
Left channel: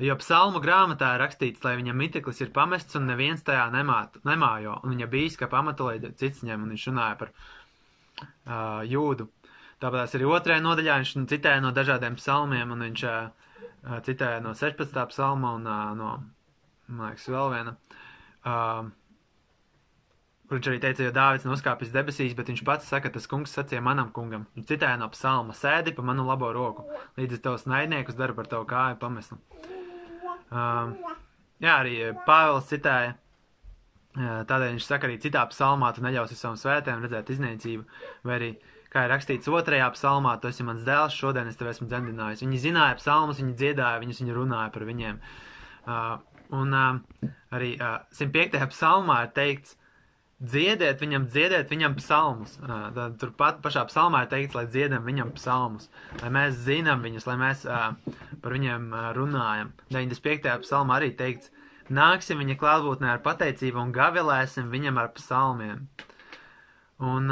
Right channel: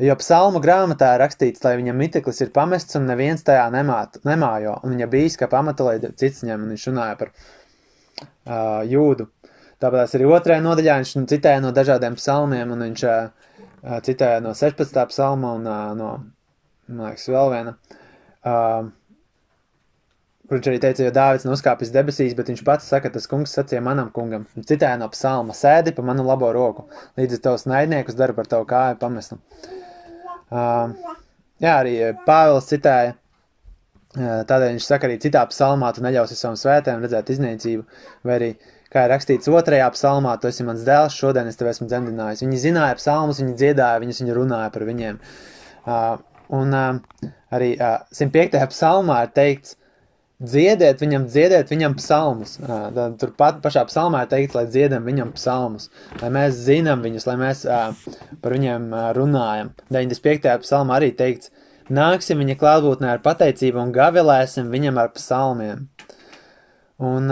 jo psalmu grāmatā ir rakstīts, lai viņam miteklis ir pamests un neviens tajā nemājo, un viņa bīskapa amata, lai cits ņem, un viņš runāja par Jūdu. Tāpēc arī 2. nodaļā viņš citēja no dažādiem psalmiem, un viņš citēja no 16. psalma un no, man liekas, vēl viena. Kur viņš arī teica, jo Dāvids nav uzkāpis debesīs, bet viņš pats saka, tas kungs sacīja manam kungam. Viņš citēja no psalma, sēdi pa manu labo roku, līdz tavs naidniekus dara par tavu kāju pamestu. Jā, arī Pāvils citēja, tādēļ viņš saka arī citā psalmā, tu neļausi savam svētēm redzēt iznīcību, vai arī, kā ir rakstīts 2. psalmā, tu esi mans dēls, šodien es tev esmu dzemdinājis. Viņi zināja psalmus, viņi dziedāja, viņi runāja par viņiem. Un arī 105. psalmā ir teikts, dziediet viņam psalmus. Turpat pašā psalmā ir teikts, lai dziedam viņam psalmus, lai mēs zinām viņus, lai mēs par viņiem runājam. 95. psalmā arī teikts, nāksim viņa klātbūtnē ar pateicību un gavilēsim viņam ar psalmiem. Un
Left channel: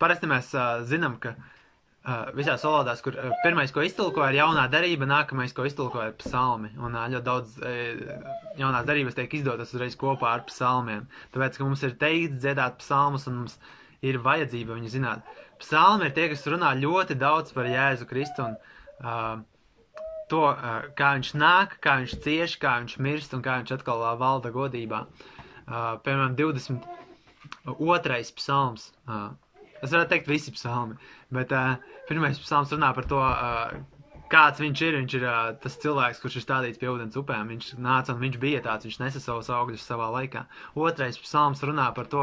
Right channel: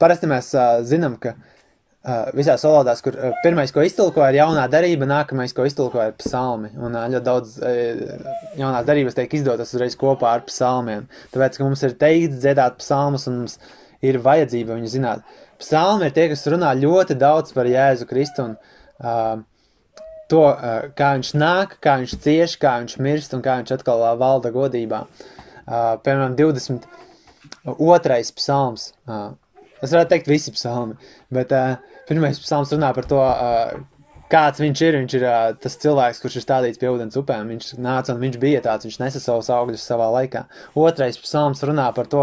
parasti mēs zinām, ka visās valodās, kur pirmais, ko iztulkoja, ir jaunā darība, nākamais, ko iztulkoja, ir psalmi. Un ļoti daudz jaunās darības tiek izdotas uzreiz kopā ar psalmiem. Tāpēc, ka mums ir teikts dziedāt psalmus un mums ir vajadzība viņu zināt. Psalmi ir tie, kas runā ļoti daudz par Jēzu Kristu un to, kā viņš nāk, kā viņš cieš, kā viņš mirst un kā viņš atkal valda godībā. Piemēram, 22. psalms. Es varētu teikt visi psalmi, bet pirmais psalms runā par to, kāds viņš ir. Viņš ir tas cilvēks, kurš ir stādīts pie ūdens upēm. Viņš nāca un viņš bija tāds, viņš nesa savus augļus savā laikā. Otrais psalms runā par to,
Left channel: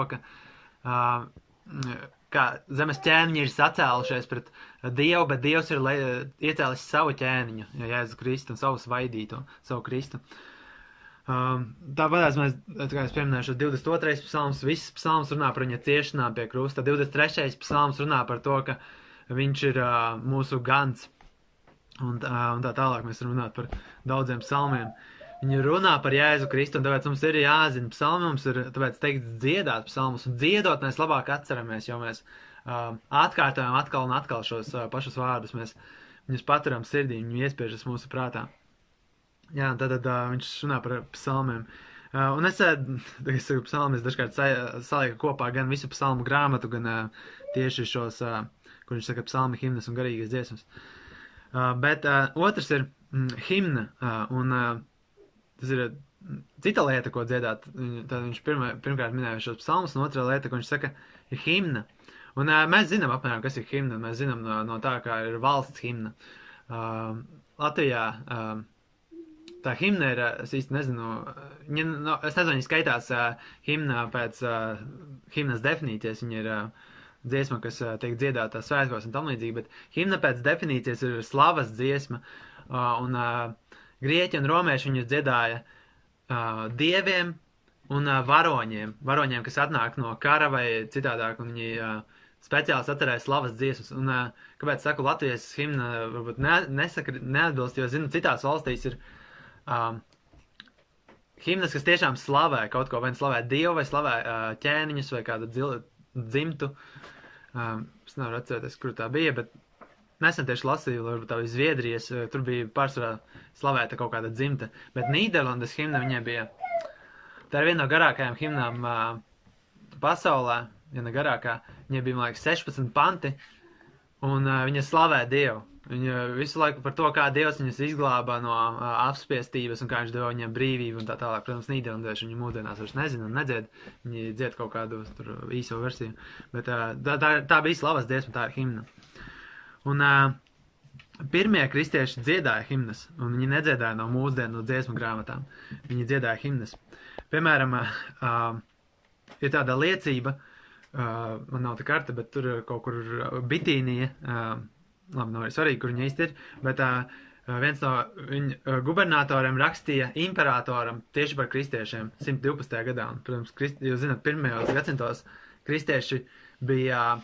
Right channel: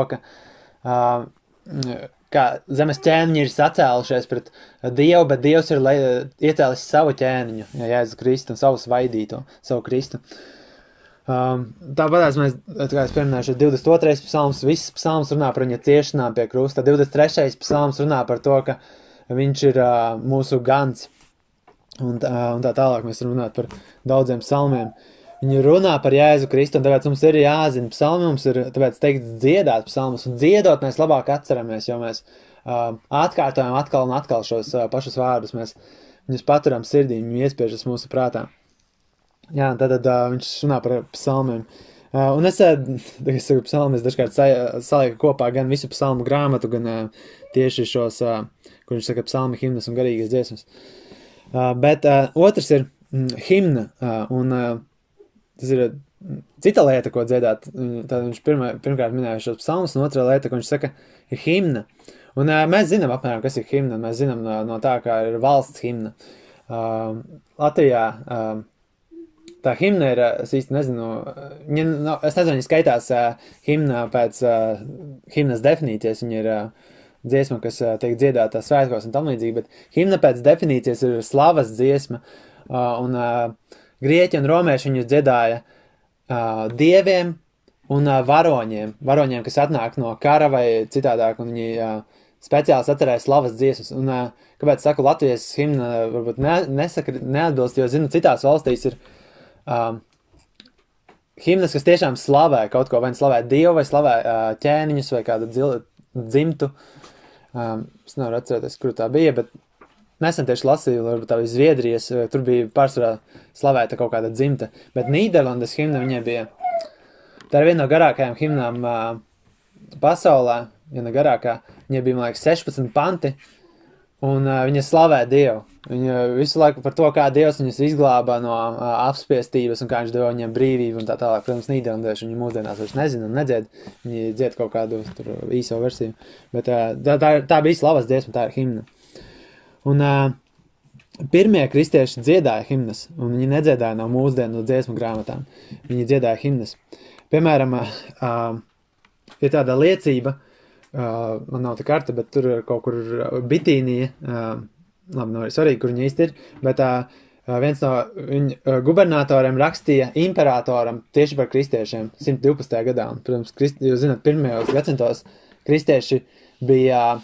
ka zemes ķēniņi ir sacēlušies pret Dievu, bet Dievs ir iecēlis savu ķēniņu, Jēzu Kristu un savu svaidīto, savu Kristu. Tāpēc mēs, kā es pieminēšu, 22. psalms, viss psalms runā par viņa ciešanām pie krusta. 23. psalms runā par to, ka viņš ir mūsu gans. Un tā tālāk mēs runāt par daudziem psalmiem. Viņi runā par Jēzu Kristu, un tāpēc mums ir jāzina psalmi, mums ir tāpēc teikt dziedāt psalmus, un dziedot mēs labāk atceramies, jo mēs atkārtojam atkal un atkal šos pašus vārdus, mēs viņus paturam sirdī, viņi iespiežas mūsu prātā. Jā, tad viņš runā par psalmiem. Un es saku psalmi, es dažkārt salieku kopā gan visu psalmu grāmatu, gan tieši šos, kur viņš saka psalmi, himnas un garīgas dziesmas. Bet otrs ir himna, un tas ir cita lieta, ko dziedāt. Tad viņš pirmkārt minēja šos psalmus, un otrā lieta, ko viņš saka, ir himna. Un mēs zinām apmēram, kas ir himna, mēs zinām no tā, kā ir valsts himna. Latvijā tā himna ir, es īsti nezinu, es nezinu, viņa skaitās himna pēc himnas definīcijas, viņa ir dziesma, kas tiek dziedātā svētkos un tam līdzīgi, bet himna pēc definīcijas ir slavas dziesma, un grieķi un romieši viņus dziedāja dieviem un varoņiem, kas atnāk no kara vai citādāk, un viņi speciāli atcerēja slavas dziesmas. Un kāpēc saku, Latvijas himna varbūt neatbilst, jo zinu, citās valstīs ir himnas, kas tiešām slavē kaut ko, vai slavē Dievu, vai slavē ķēniņus, vai kādu dzimtu. Es nevaru atcerēties, kur tā bija, bet nesen tieši lasīju, varbūt tā bija Zviedrijas, tur bija pārsvarā slavēta kaut kāda dzimta, bet Nīderlandes himna viņai bija, tā ir viena no garākajām himnām pasaulē, viena garākā, viņai bija, man liekas, 16 panti, un viņa slavē Dievu. Viņa visu laiku par to, kā Dievs viņus izglābā no apspiestības un kā viņš deva viņiem brīvību un tā tālāk. Protams, nīderlandieši viņi mūsdienās vairs nezina un nedzied. Viņi dzied kaut kādu tur īso versiju. Bet tā bija slavas dziesma, tā ir himna. Un pirmie kristieši dziedāja himnas, un viņi nedziedāja no mūsdienu dziesmu grāmatām. Viņi dziedāja himnas. Piemēram, ir tāda liecība, man nav tā karta, bet tur kaut kur Bitīnija, labi, nav arī svarīgi, kur viņa īsti ir, bet viens no viņa gubernatoriem rakstīja imperatoram tieši par kristiešiem 112. gadā. Un, protams, jūs zināt, pirmajos gadsimtos kristieši bija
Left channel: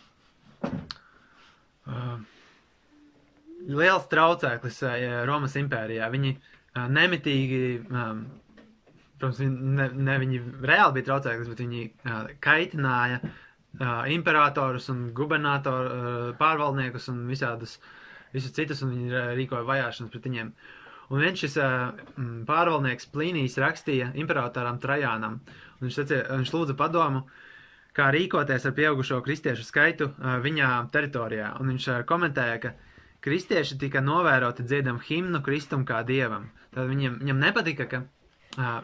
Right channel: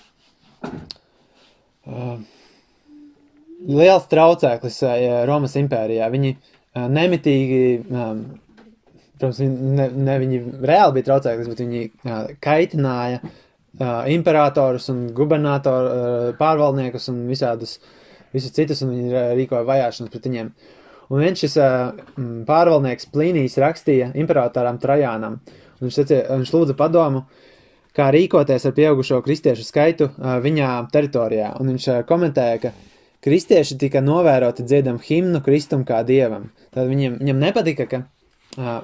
liels traucēklis Romas impērijā. Viņi nemitīgi, protams, viņi reāli bija traucēklis, bet viņi kaitināja imperatorus un gubernatoru pārvaldniekus un visus citus, un viņi rīkoja vajāšanas pret viņiem. Un viens šis pārvaldnieks Plīnijs rakstīja imperatoram Trajānam, un viņš lūdza padomu, kā rīkoties ar pieaugušo kristiešu skaitu viņā teritorijā. Un viņš komentēja, ka kristieši tika novēroti dziedam himnu Kristum kā dievam. Tad viņam nepatika, ka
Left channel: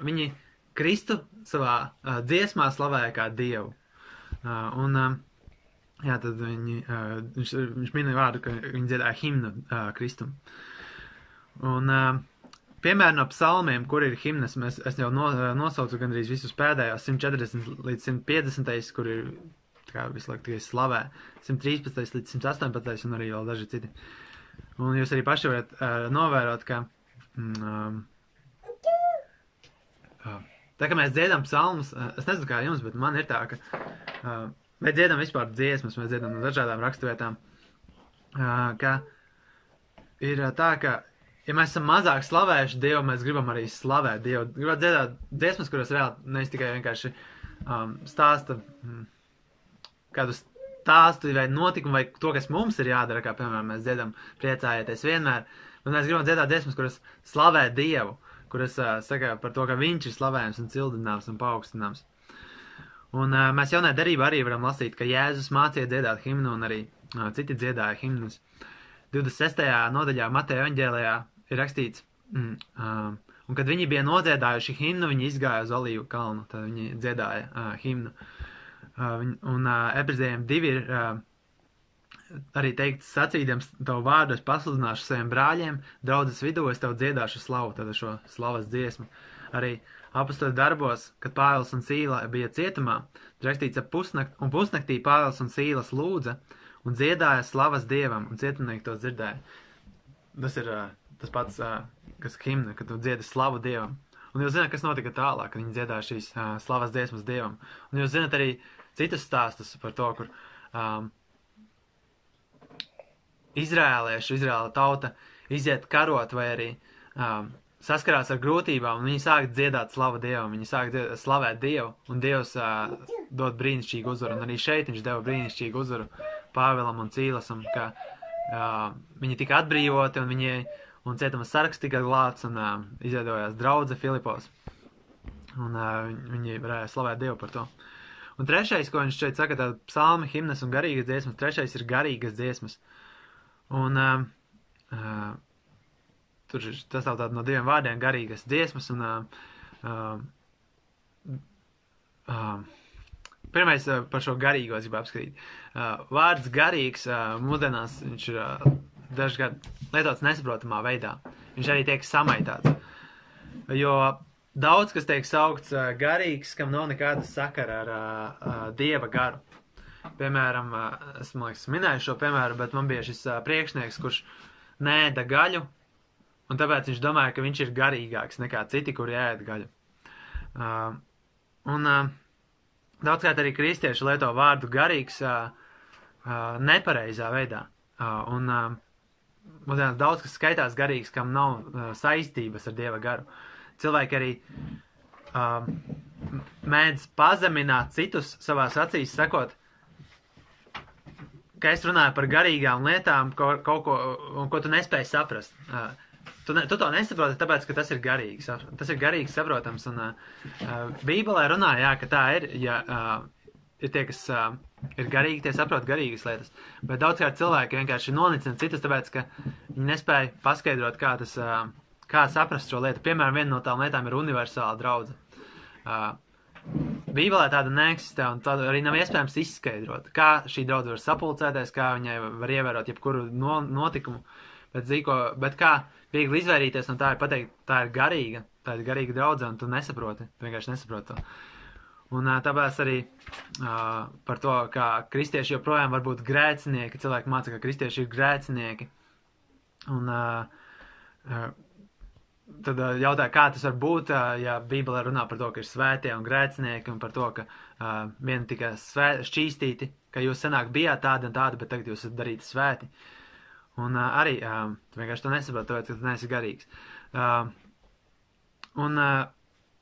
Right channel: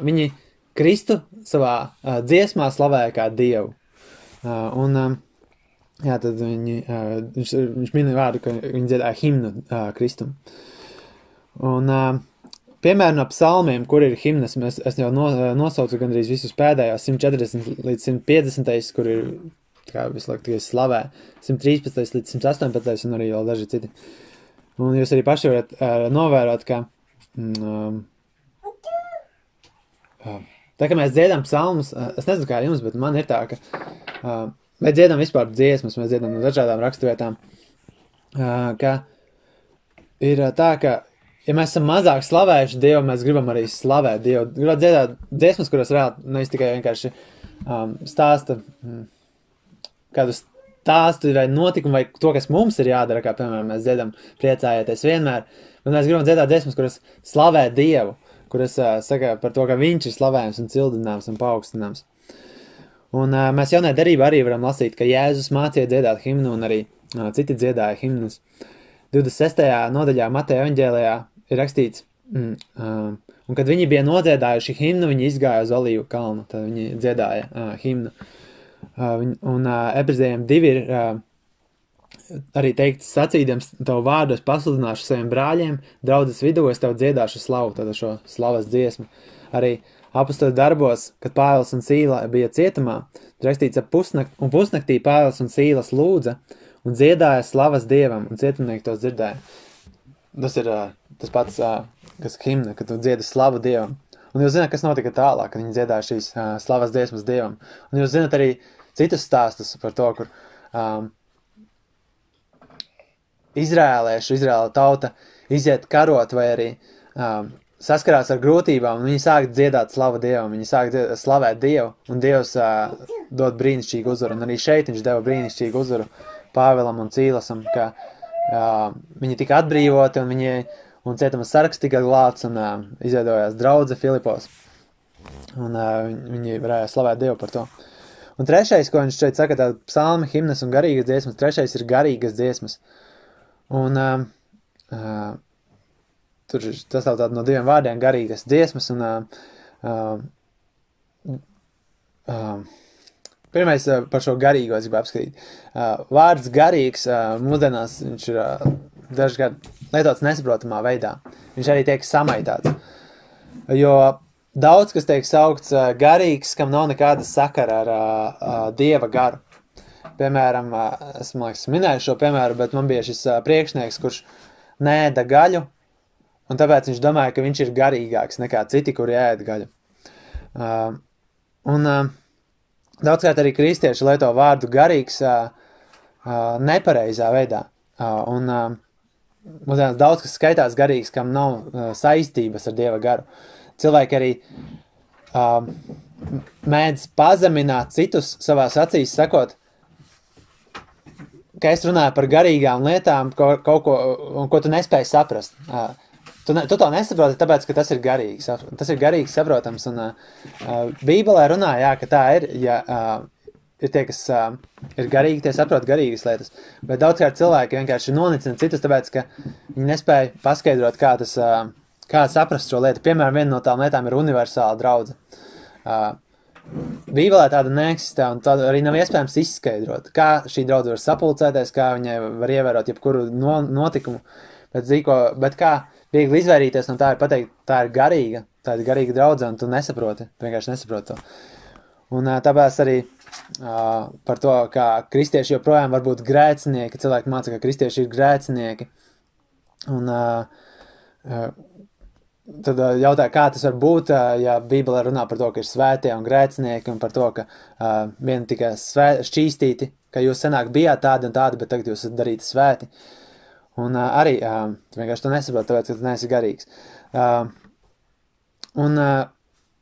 viņi Kristu savā dziesmā slavēja kā dievu. Jā, tad viņš minēja vārdu, ka viņi dziedāja himnu Kristum. Un, piemēram, no psalmiem, kur ir himnas, es jau nosaucu gandrīz visus pēdējos 140 līdz 150, kur ir kā visu laiku tikai slavē, 113 līdz 118 un arī vēl daži citi. Un jūs arī paši varat novērot, ka tā kā mēs dziedam psalmus, es nezinu kā jums, bet man ir tā, ka mēs dziedam vispār dziesmas, mēs dziedam no dažādām raksturvietām, ka ir tā, ka, ja mēs esam mazāk slavējuši Dievu, mēs gribam arī slavēt Dievu. Gribam dziedāt dziesmas, kuras reāli nevis tikai vienkārši stāsta kādu stāstu vai notikumu vai to, kas mums ir jādara, kā piemēram mēs dziedam priecājieties vienmēr, bet mēs gribam dziedāt dziesmas, kuras slavē Dievu, kuras saka par to, ka viņš ir slavējams un cildināms un paaugstināms. Un mēs jaunajā derībā arī varam lasīt, ka Jēzus mācīja dziedāt himnu un arī citi dziedāja himnas. 26. nodaļā Mateja evaņģēlijā ir rakstīts, un kad viņi bija nodziedājuši himnu, viņi izgāja uz Olīvu kalnu, tad viņi dziedāja himnu. Un Ebrejiem 2 ir arī teikts sacīdams tavu vārdu es pasludināšu saviem brāļiem, draudzes vidū es tev dziedāšu slavu, tad šo slavas dziesmu. Arī apostoli darbos, kad Pāvils un Sīla bija cietumā, rakstīts un pusnaktī Pāvils un Sīlas lūdza un dziedāja slavas Dievam, un cietumnieki tos dzirdēja. Tas ir tas pats, kas himna, kad tu dziedi slavu Dievam. Un jūs zināt, kas notika tālāk, kad viņi dziedāja šīs slavas dziesmas Dievam. Un jūs zināt arī citus stāstus par to, kur Izraēla tauta iziet karot vai arī saskarās ar grūtībām, un viņi sāk dziedāt slavu Dievam, viņi sāk slavēt Dievu, un Dievs dod brīnišķīgu uzvaru, un arī šeit viņš deva brīnišķīgu uzvaru Pāvilam un Cīlasam, ka viņi tika atbrīvoti, un cietuma saraksts tika glābts, un izveidojās draudze Filipos, un viņi varēja slavēt Dievu par to. Un trešais, ko viņš šeit saka, tā psalmi, himnas un garīgas dziesmas, trešais ir garīgas dziesmas. Un tur tas tā no 2 vārdiem garīgas dziesmas, un pirmais par šo garīgo es gribu apskatīt. Vārds garīgs mūsdienās viņš ir dažkārt lietots nesaprotamā veidā. Viņš arī tiek samaitāts. Jo daudz, kas tiek saukts garīgs, kam nav nekāda sakara ar Dieva garu. Piemēram, esmu minēju šo piemēru, bet man bija šis priekšnieks, kurš neēda gaļu, un tāpēc viņš domāja, ka viņš ir garīgāks nekā citi, kuri ēd gaļu. Daudzkārt arī kristieši lieto vārdu garīgs nepareizā veidā. Un mūsdienās daudz, kas skaitās garīgs, kam nav saistības ar Dieva garu. Cilvēki arī mēdz pazemināt citus savās acīs, sakot, ka es runāju par garīgām lietām, kaut ko, ko tu nespēji saprast. Tu to nesaproti, tāpēc, ka tas ir garīgs. Tas ir garīgs saprotams, un Bībelē runā, jā, ka tā ir, ja ir tie, kas ir garīgi, tie saprot garīgas lietas, bet daudzkārt cilvēki vienkārši nonicina citus, tāpēc, ka viņi nespēja paskaidrot, kā saprast šo lietu. Piemēram, viena no tām lietām ir universāla draudze. Bībelē tāda neeksistē, un tāda arī nav iespējams izskaidrot, kā šī draudze var sapulcēties, kā viņai var ievērot jebkuru notikumu, bet kā viegli izvairīties no tā ir pateikt, tā ir garīga draudze, un tu nesaproti, tu vienkārši nesaproti to. Un tāpēc arī par to, kā kristieši joprojām var būt grēcinieki, cilvēki māca, ka kristieši ir grēcinieki, un tad jautāja, kā tas var būt, ja Bībelē runā par to, ka ir svētie un grēcinieki, un par to, ka vieni tika šķīstīti, ka jūs senāk bijāt tādi un tādi, bet tagad jūs esat darīti svēti. Un arī vienkārši to nesaprot, tāpēc, ka tu neesi garīgs. Un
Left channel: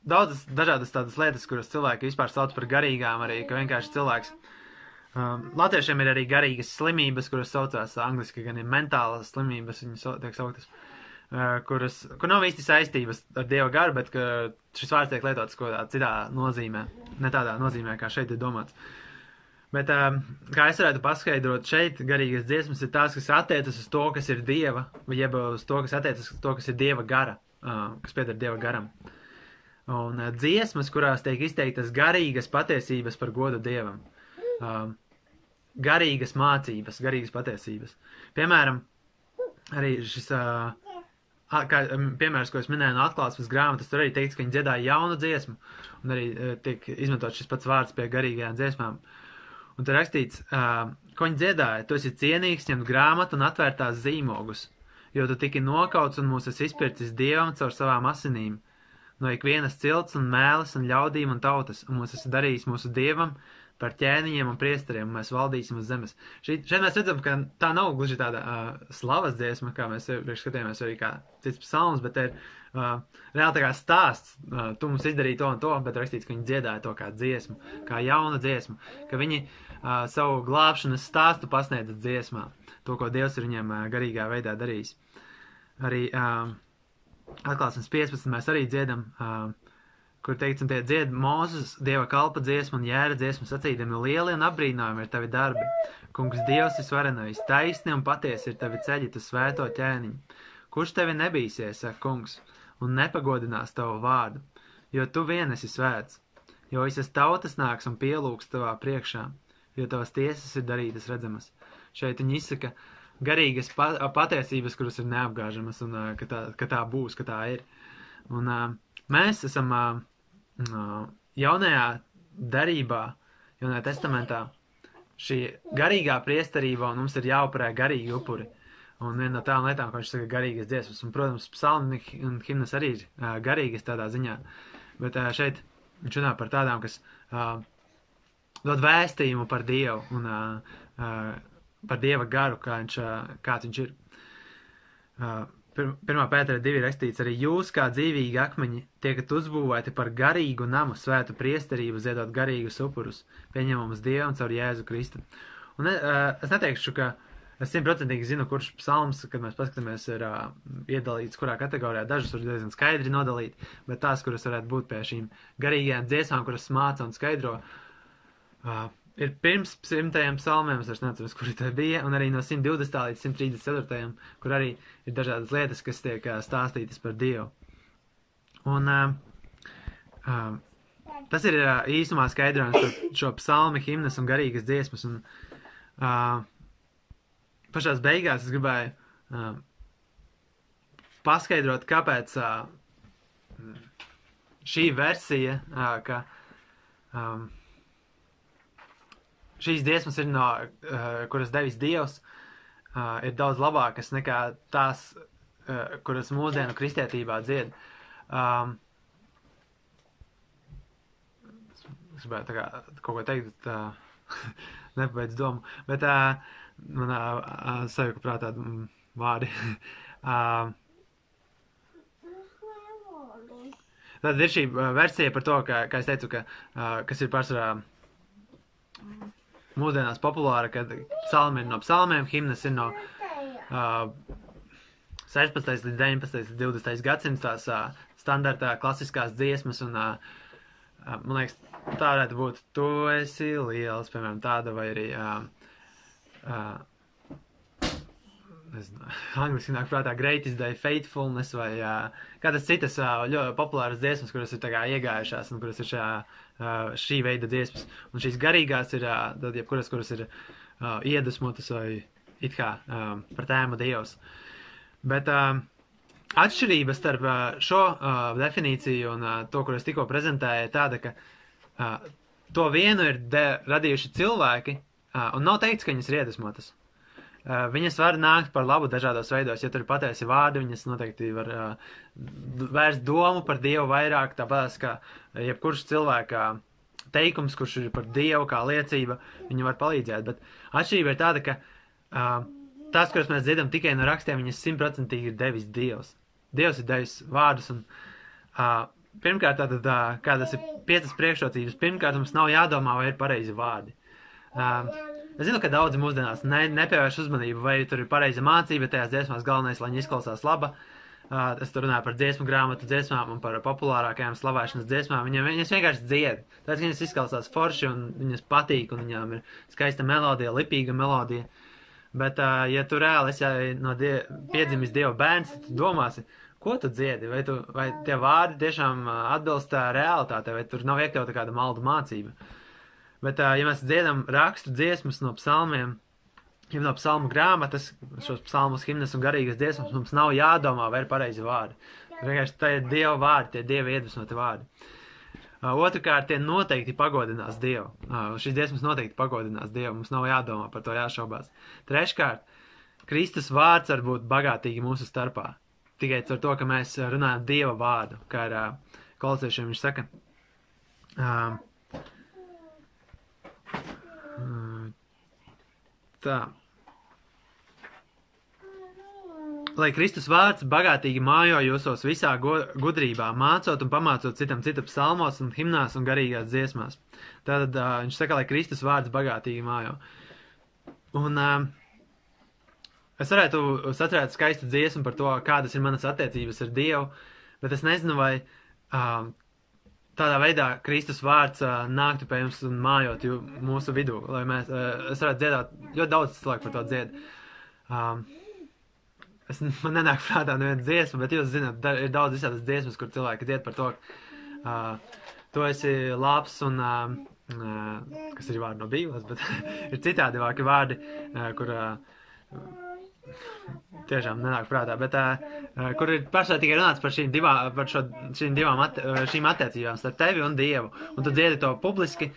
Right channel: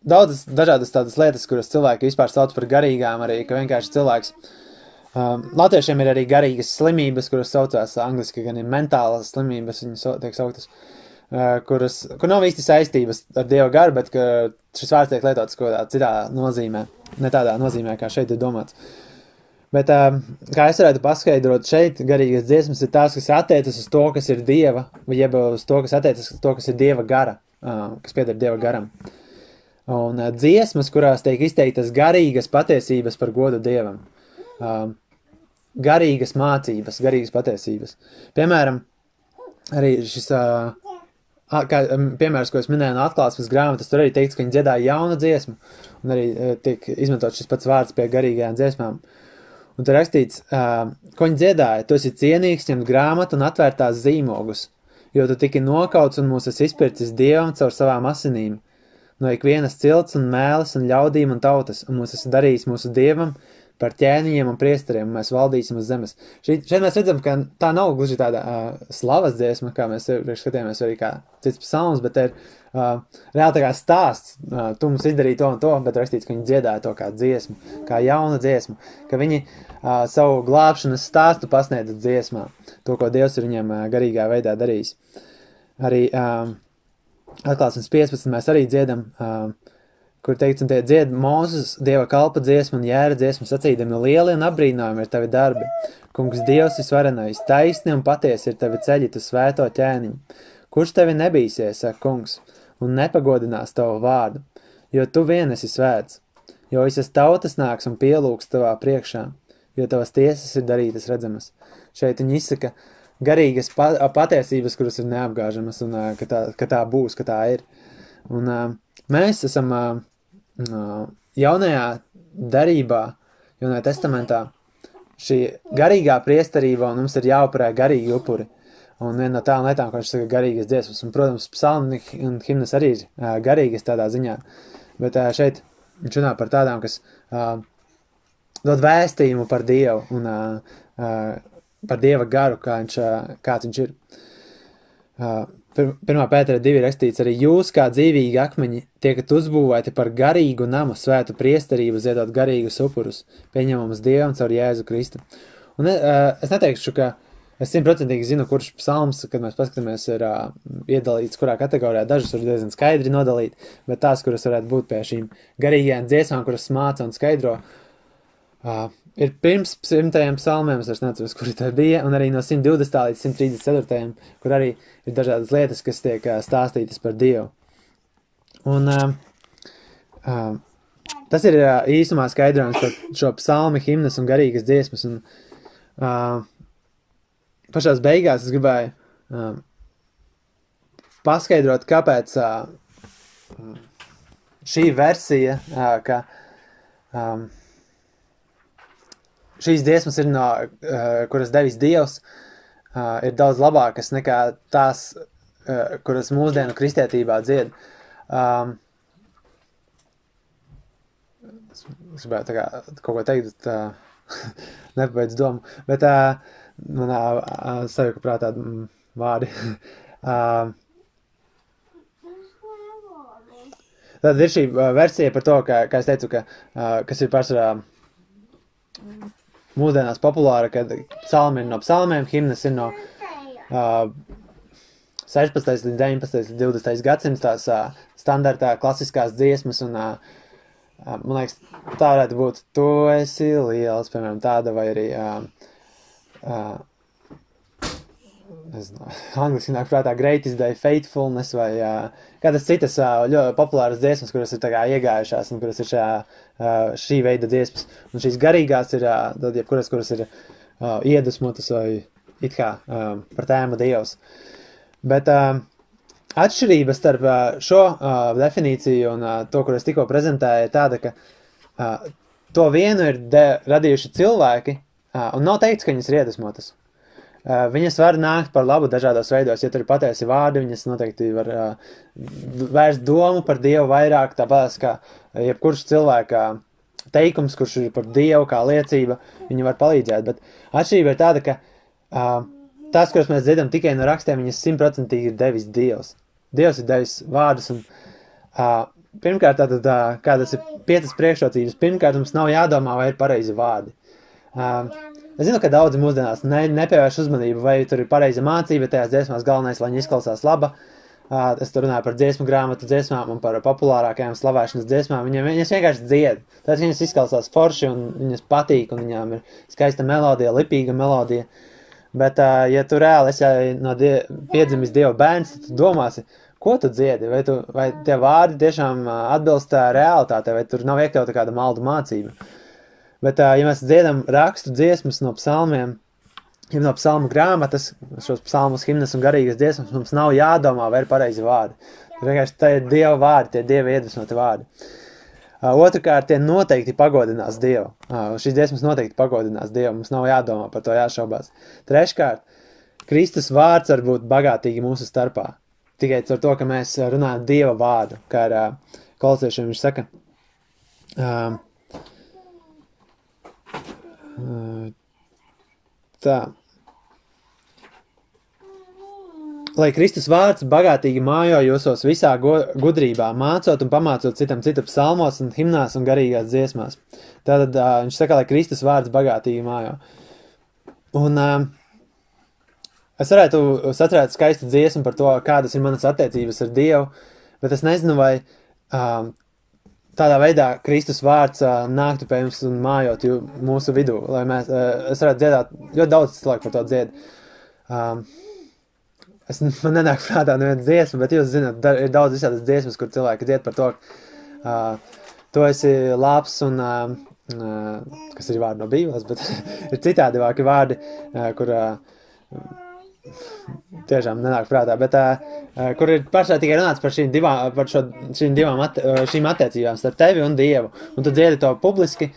daudzas dažādas tādas lietas, kuras cilvēki vispār sauc par garīgām, arī, ka vienkārši cilvēks latviešiem ir arī garīgas slimības, kuras saucās angliski, gan ir mentālas slimības, viņas tiek sauktas, kur nav īsti saistības ar Dieva garu, bet ka šis vārds tiek lietots kaut kādā citā nozīmē, ne tādā nozīmē, kā šeit ir domāts. Bet, kā es varētu paskaidrot, šeit garīgas dziesmas ir tās, kas attiecas uz to, kas ir Dieva, vai jeb uz to, kas attiecas uz to, kas ir Dieva gara, kas pieder Dieva garam. Un dziesmas, kurās tiek izteiktas garīgas patiesības par godu Dievam. Garīgas mācības, garīgas patiesības. Piemēram, arī šis piemērs, ko es minēju no atklāsmes grāmatas, tur arī teikts, ka viņi dziedāja jaunu dziesmu, un arī tiek izmantot šis pats vārds pie garīgajām dziesmām. Un tur rakstīts, ko viņi dziedāja, tu esi cienīgs ņemt grāmatu un atvērtās zīmogus, jo tu tiki nokauts un mūs esi izpircis Dievam caur savām asinīm, no ikvienas cilts un mēles un ļaudīm un tautas, un mūs esi darījis mūsu Dievam par ķēniņiem un priesteriem, un mēs valdīsim uz zemes. Šeit mēs redzam, ka tā nav gluži tāda slavas dziesma, kā mēs skatījāmies arī kā cits psalms, bet ir reāli tā kā stāsts, tu mums izdarīji to un to, bet rakstīts, ka viņi dziedāja to kā dziesmu, kā jaunu dziesmu, ka viņi savu glābšanas stāstu pasniedza dziesmā, to, ko Dievs ir viņiem garīgā veidā darījis. Arī atklāsmes 15 mēs arī dziedam, kur teikts, un tie dzied Mūzes Dieva kalpa dziesmu un jēra dziesmu sacīdami lieli un apbrīnojumi ir tavi darbi. Kungs Dievs visvarenais, taisni un patiesi ir tavi ceļi, tu svēto ķēniņu. kurš tevi nebīsies, saka kungs, un nepagodinās tavu vārdu, jo tu vien esi svēts, jo visas tautas nāks un pielūgs tavā priekšā, jo tavas tiesas ir darītas redzamas. Šeit viņi izsaka garīgas patiesības, kuras ir neapgāžamas, un ka tā būs, ka tā ir. Un mēs esam jaunajā darībā, jaunajā testamentā, šī garīgā priesterība, un mums ir jāupurē garīgi upuri. Un viena no tām lietām, ko viņš saka, garīgas dziesmas. Un, protams, psalmi un himnas arī ir garīgas tādā ziņā. Bet šeit viņš runā par tādām, kas dod vēstījumu par Dievu un par Dieva garu, kāds viņš ir. 1. Pētera 2 rakstīts, arī jūs, kā dzīvīgi akmeņi, tiekat uzbūvēti par garīgu namu, svētu priesterību, ziedot garīgus upurus, pieņemamus Dievam caur Jēzu Kristu. Un es neteikšu, ka es 100% zinu, kurš psalms, kad mēs paskatāmies, ir iedalīts kurā kategorijā. Dažas var diezgan skaidri nodalīt, bet tās, kuras varētu būt pie šīm garīgajām dziesmām, kuras māca un skaidro, ir pirms 100. psalmiem, es neatceros, kuri tā bija, un arī no 120. līdz 134. kur arī ir dažādas lietas, kas tiek stāstītas par Dievu. Un tas ir īsumā skaidrojums par šo psalmi, himnas un garīgas dziesmas. Un pašās beigās es gribēju paskaidrot, kāpēc šī versija, ka šīs dziesmas ir no, kuras devis Dievs, ir daudz labākas nekā tās, kuras mūsdienu kristietībā dzied. Es gribētu tā kā kaut ko teikt, bet nepabeidz domu. Bet manā sajuka prātā vārdi. Tad ir šī versija par to, kā es teicu, kas ir pārsvarā mūsdienās populāra, kad psalmi ir no psalmiem, himnas ir no 16. līdz 19. līdz 20. gadsimts tās standartā klasiskās dziesmas, un man liekas, tā varētu būt Tu esi liels, piemēram, tāda, vai arī nezinu, angliski nāk prātā Great is Thy Faithfulness, vai kādas citas ļoti populāras dziesmas, kuras ir tā kā iegājušās, un kuras ir šī veida dziesmas. Un šīs garīgās ir, tad jebkuras, kuras ir iedvesmotas vai it kā par tēmu Dievs. Bet atšķirība starp šo definīciju un to, kur es tikko prezentēju, ir tāda, ka to vienu ir radījuši cilvēki, un nav teikts, ka viņas ir iedvesmotas. Viņas var nākt par labu dažādos veidos, ja tur ir patiesi vārdi, viņas noteikti var vērst domu par Dievu vairāk, tāpēc, ka jebkurš cilvēka teikums, kurš ir par Dievu kā liecība, viņi var palīdzēt, bet atšķirība ir tāda, ka tās, kuras mēs dzirdam tikai no rakstiem, viņas 100% ir devis Dievs. Dievs ir devis vārdus, un pirmkārt, tātad, kādas ir 5 priekšrocības, pirmkārt, mums nav jādomā, vai ir pareizi vārdi. Es zinu, ka daudzi mūsdienās nepievērš uzmanību, vai tur ir pareiza mācība, tajās dziesmās galvenais, lai viņi izklausās laba. Es tur runāju par dziesmu grāmatu dziesmām un par populārākajām slavēšanas dziesmām. Viņas vienkārši dzied. Tāpēc, ka viņas izklausās forši un viņas patīk, un viņām ir skaista melodija, lipīga melodija. Bet, ja tu reāli esi piedzimis Dieva bērns, tad tu domāsi, ko tu dziedi? Vai tie vārdi tiešām atbilst realitātei, vai tur nav iekļauta kāda maldu mācība? Bet, ja mēs dziedam rakstu dziesmas no psalmiem, ja no psalmu grāmatas, šos psalmus, himnas un garīgas dziesmas, mums nav jādomā, vai ir pareizi vārdi. Vienkārši tā ir Dieva vārdi, tie Dieva iedvesmoti vārdi. Otrkārt, tie noteikti pagodinās Dievu. Šīs dziesmas noteikti pagodinās Dievu, mums nav jādomā par to jāšaubās. Treškārt, Kristus vārds var būt bagātīgi mūsu starpā. Tikai ar to, ka mēs runājam Dieva vārdu, kā ar kolosiešiem viņš saka. Tā. Lai Kristus vārds bagātīgi mājo jūsos visā gudrībā, mācot un pamācot citu psalmos un himnās un garīgās dziesmās. Tātad viņš saka, lai Kristus vārds bagātīgi mājo. Un es varētu sacerēt skaistu dziesmu par to, kādas ir manas attiecības ar Dievu, bet es nezinu, vai tādā veidā Kristus vārds nāktu pie jums un mājot mūsu vidū, lai es varētu dziedāt, ļoti daudz cilvēku par to dzied. man nenāk prātā neviens dziesma, bet jūs zināt, ir daudz visādas dziesmas, kur cilvēki dzied par to, tu esi labs un, kas ir vārdi no Bībeles, bet ir citādi vārdi, kur tiešām nenāk prātā, bet kur ir pašā tikai runāts par šīm attiecībām starp tevi un Dievu, un tu dziedi to publiski,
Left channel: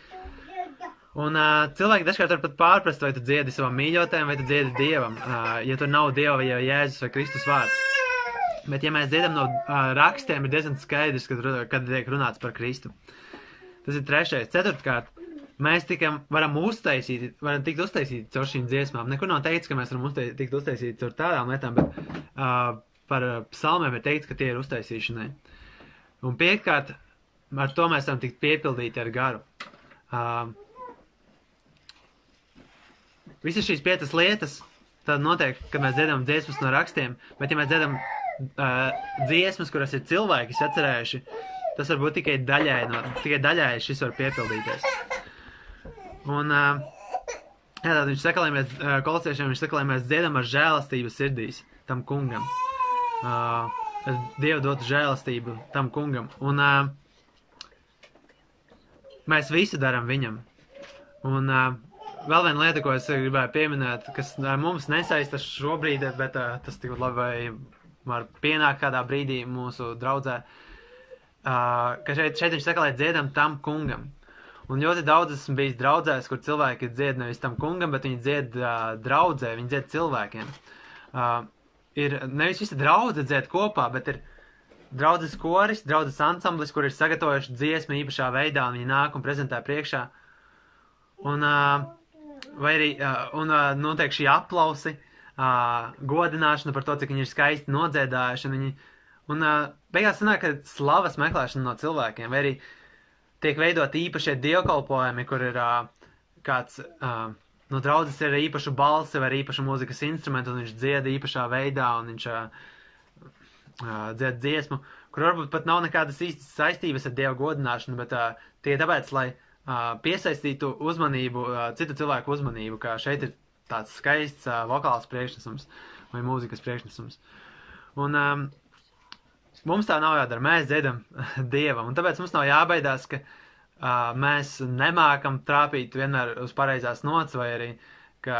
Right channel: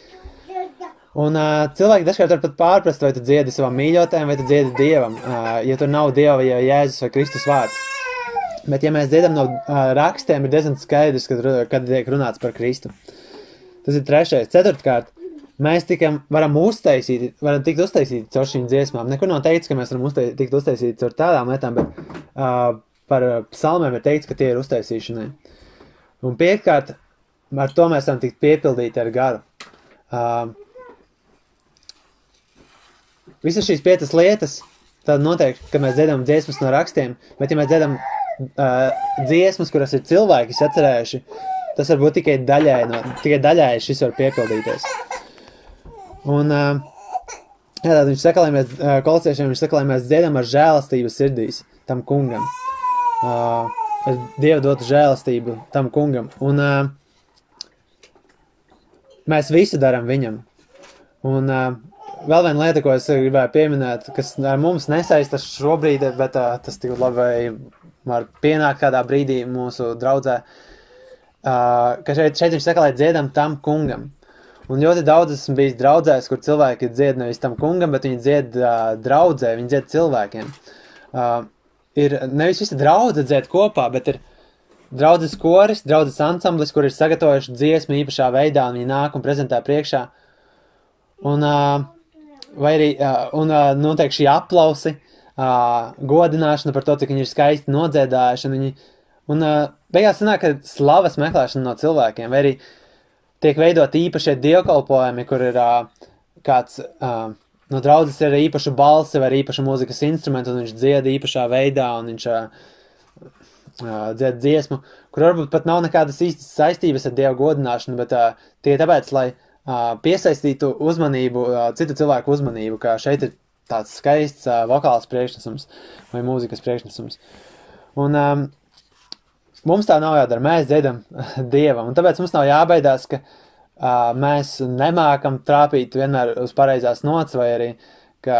un cilvēki dažkārt var pat pārprast, vai tu dziedi savam mīļotājam, vai tu dziedi Dievam, ja tur nav Dieva vai Jēzus vai Kristus vārds. Bet ja mēs dziedam no rakstiem, ir diezgan skaidrs, kad tiek runāts par Kristu. Tas ir 3. 4. Mēs varam tikt uztaisīti caur šīm dziesmām. Nekur nav teikts, ka mēs varam tikt uztaisīti caur tādām lietām, bet par psalmēm ir teikts, ka tie ir uztaisīšanai. Un 5. ar to mēs varam tikt piepildīti ar garu. Visas šīs 5 lietas tad notiek, kad mēs dziedam dziesmas no rakstiem, bet ja mēs dziedam dziesmas, kuras ir cilvēki sacerējuši, tas var būt tikai daļai šis var piepildīties. Un tad viņš saka, lai mēs kolosiešiem, viņš saka, lai mēs dziedam ar žēlastību sirdīs tam kungam. Dievu dotu žēlastību tam kungam. Un mēs visu daram viņam. Un vēl viena lieta, ko es gribēju pieminēt, kas ar mums nesaistas šobrīd, bet tas tik labi var pienākt kādā brīdī mūsu draudzē, ka šeit viņš saka, lai dziedam tam kungam. Un ļoti daudz esmu bijis draudzēs, kur cilvēki dzied nevis tam kungam, bet viņi dzied draudzē, viņi dzied cilvēkiem. Ir nevis visa draudze dzied kopā, bet ir draudzes koris, draudzes ansamblis, kur ir sagatavojuši dziesmu īpašā veidā, un viņi nāk un prezentē priekšā. Un notiek šī aplausi, godināšana par to, cik viņi ir skaisti nodziedājuši. Un beigās sanāk, ka slavas meklēšana no cilvēkiem, vai arī tiek veidot īpašie dievkalpojumi, kur ir kāds no draudzes ir īpašu balsi vai īpašu mūzikas instrumentu, un viņš dzied īpašā veidā, un viņš dzied dziesmu, kur varbūt pat nav nekādas īstas saistības ar Dievu godināšanu, bet tie tāpēc, lai piesaistītu uzmanību, citu cilvēku uzmanību, ka šeit ir tāds skaists vokāls priekšnesums vai mūzikas priekšnesums. Un mums tā nav jādara, mēs dziedam Dievam, un tāpēc mums nav jābaidās, ka mēs nemākam trāpīt vienmēr uz pareizās nots, vai arī, ka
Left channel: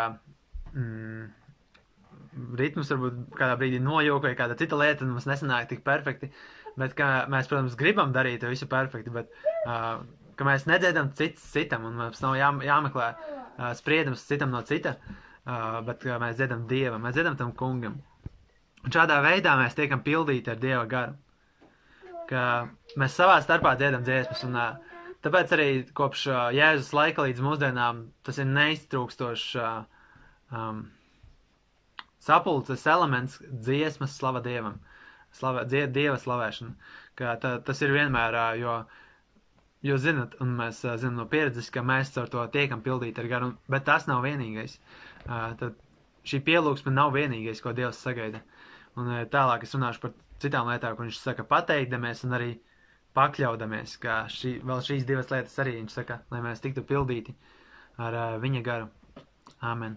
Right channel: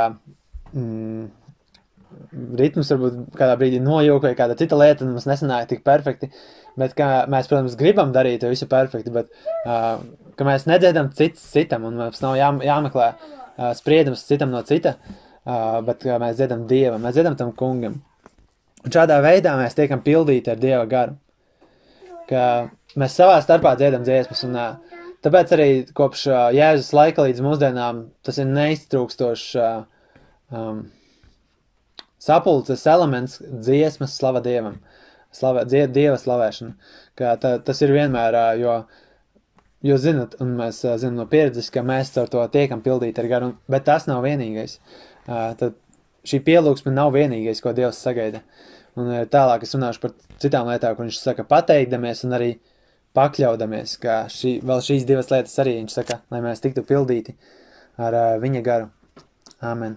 ritms varbūt kādā brīdī nojūk, vai kāda cita lieta, un mums nesanāk tik perfekti, bet ka mēs, protams, gribam darīt visu perfekti, bet ka mēs nedziedam cits citam, un mums nav jāmeklē spriedums citam no cita, bet ka mēs dziedam Dievam, mēs dziedam tam kungam. Un šādā veidā mēs tiekam pildīti ar Dieva garu, ka mēs savā starpā dziedam dziesmas, un tāpēc arī kopš Jēzus laika līdz mūsdienām tas ir neiztrūkstošs sapulces elements dziesmas slava Dievam, Dieva slavēšana, ka tas ir vienmēr, jo zinat, un mēs zinām no pieredzes, ka mēs ar to tiekam pildīti ar garu, bet tas nav vienīgais. Tad šī pielūgsme nav vienīgais, ko Dievs sagaida. Un tālāk es runāšu par citām lietām, kur viņš saka pateikdamies un arī pakļaudamies, ka vēl šīs 2 lietas arī viņš saka, lai mēs tiktu pildīti ar viņa garu. Āmen.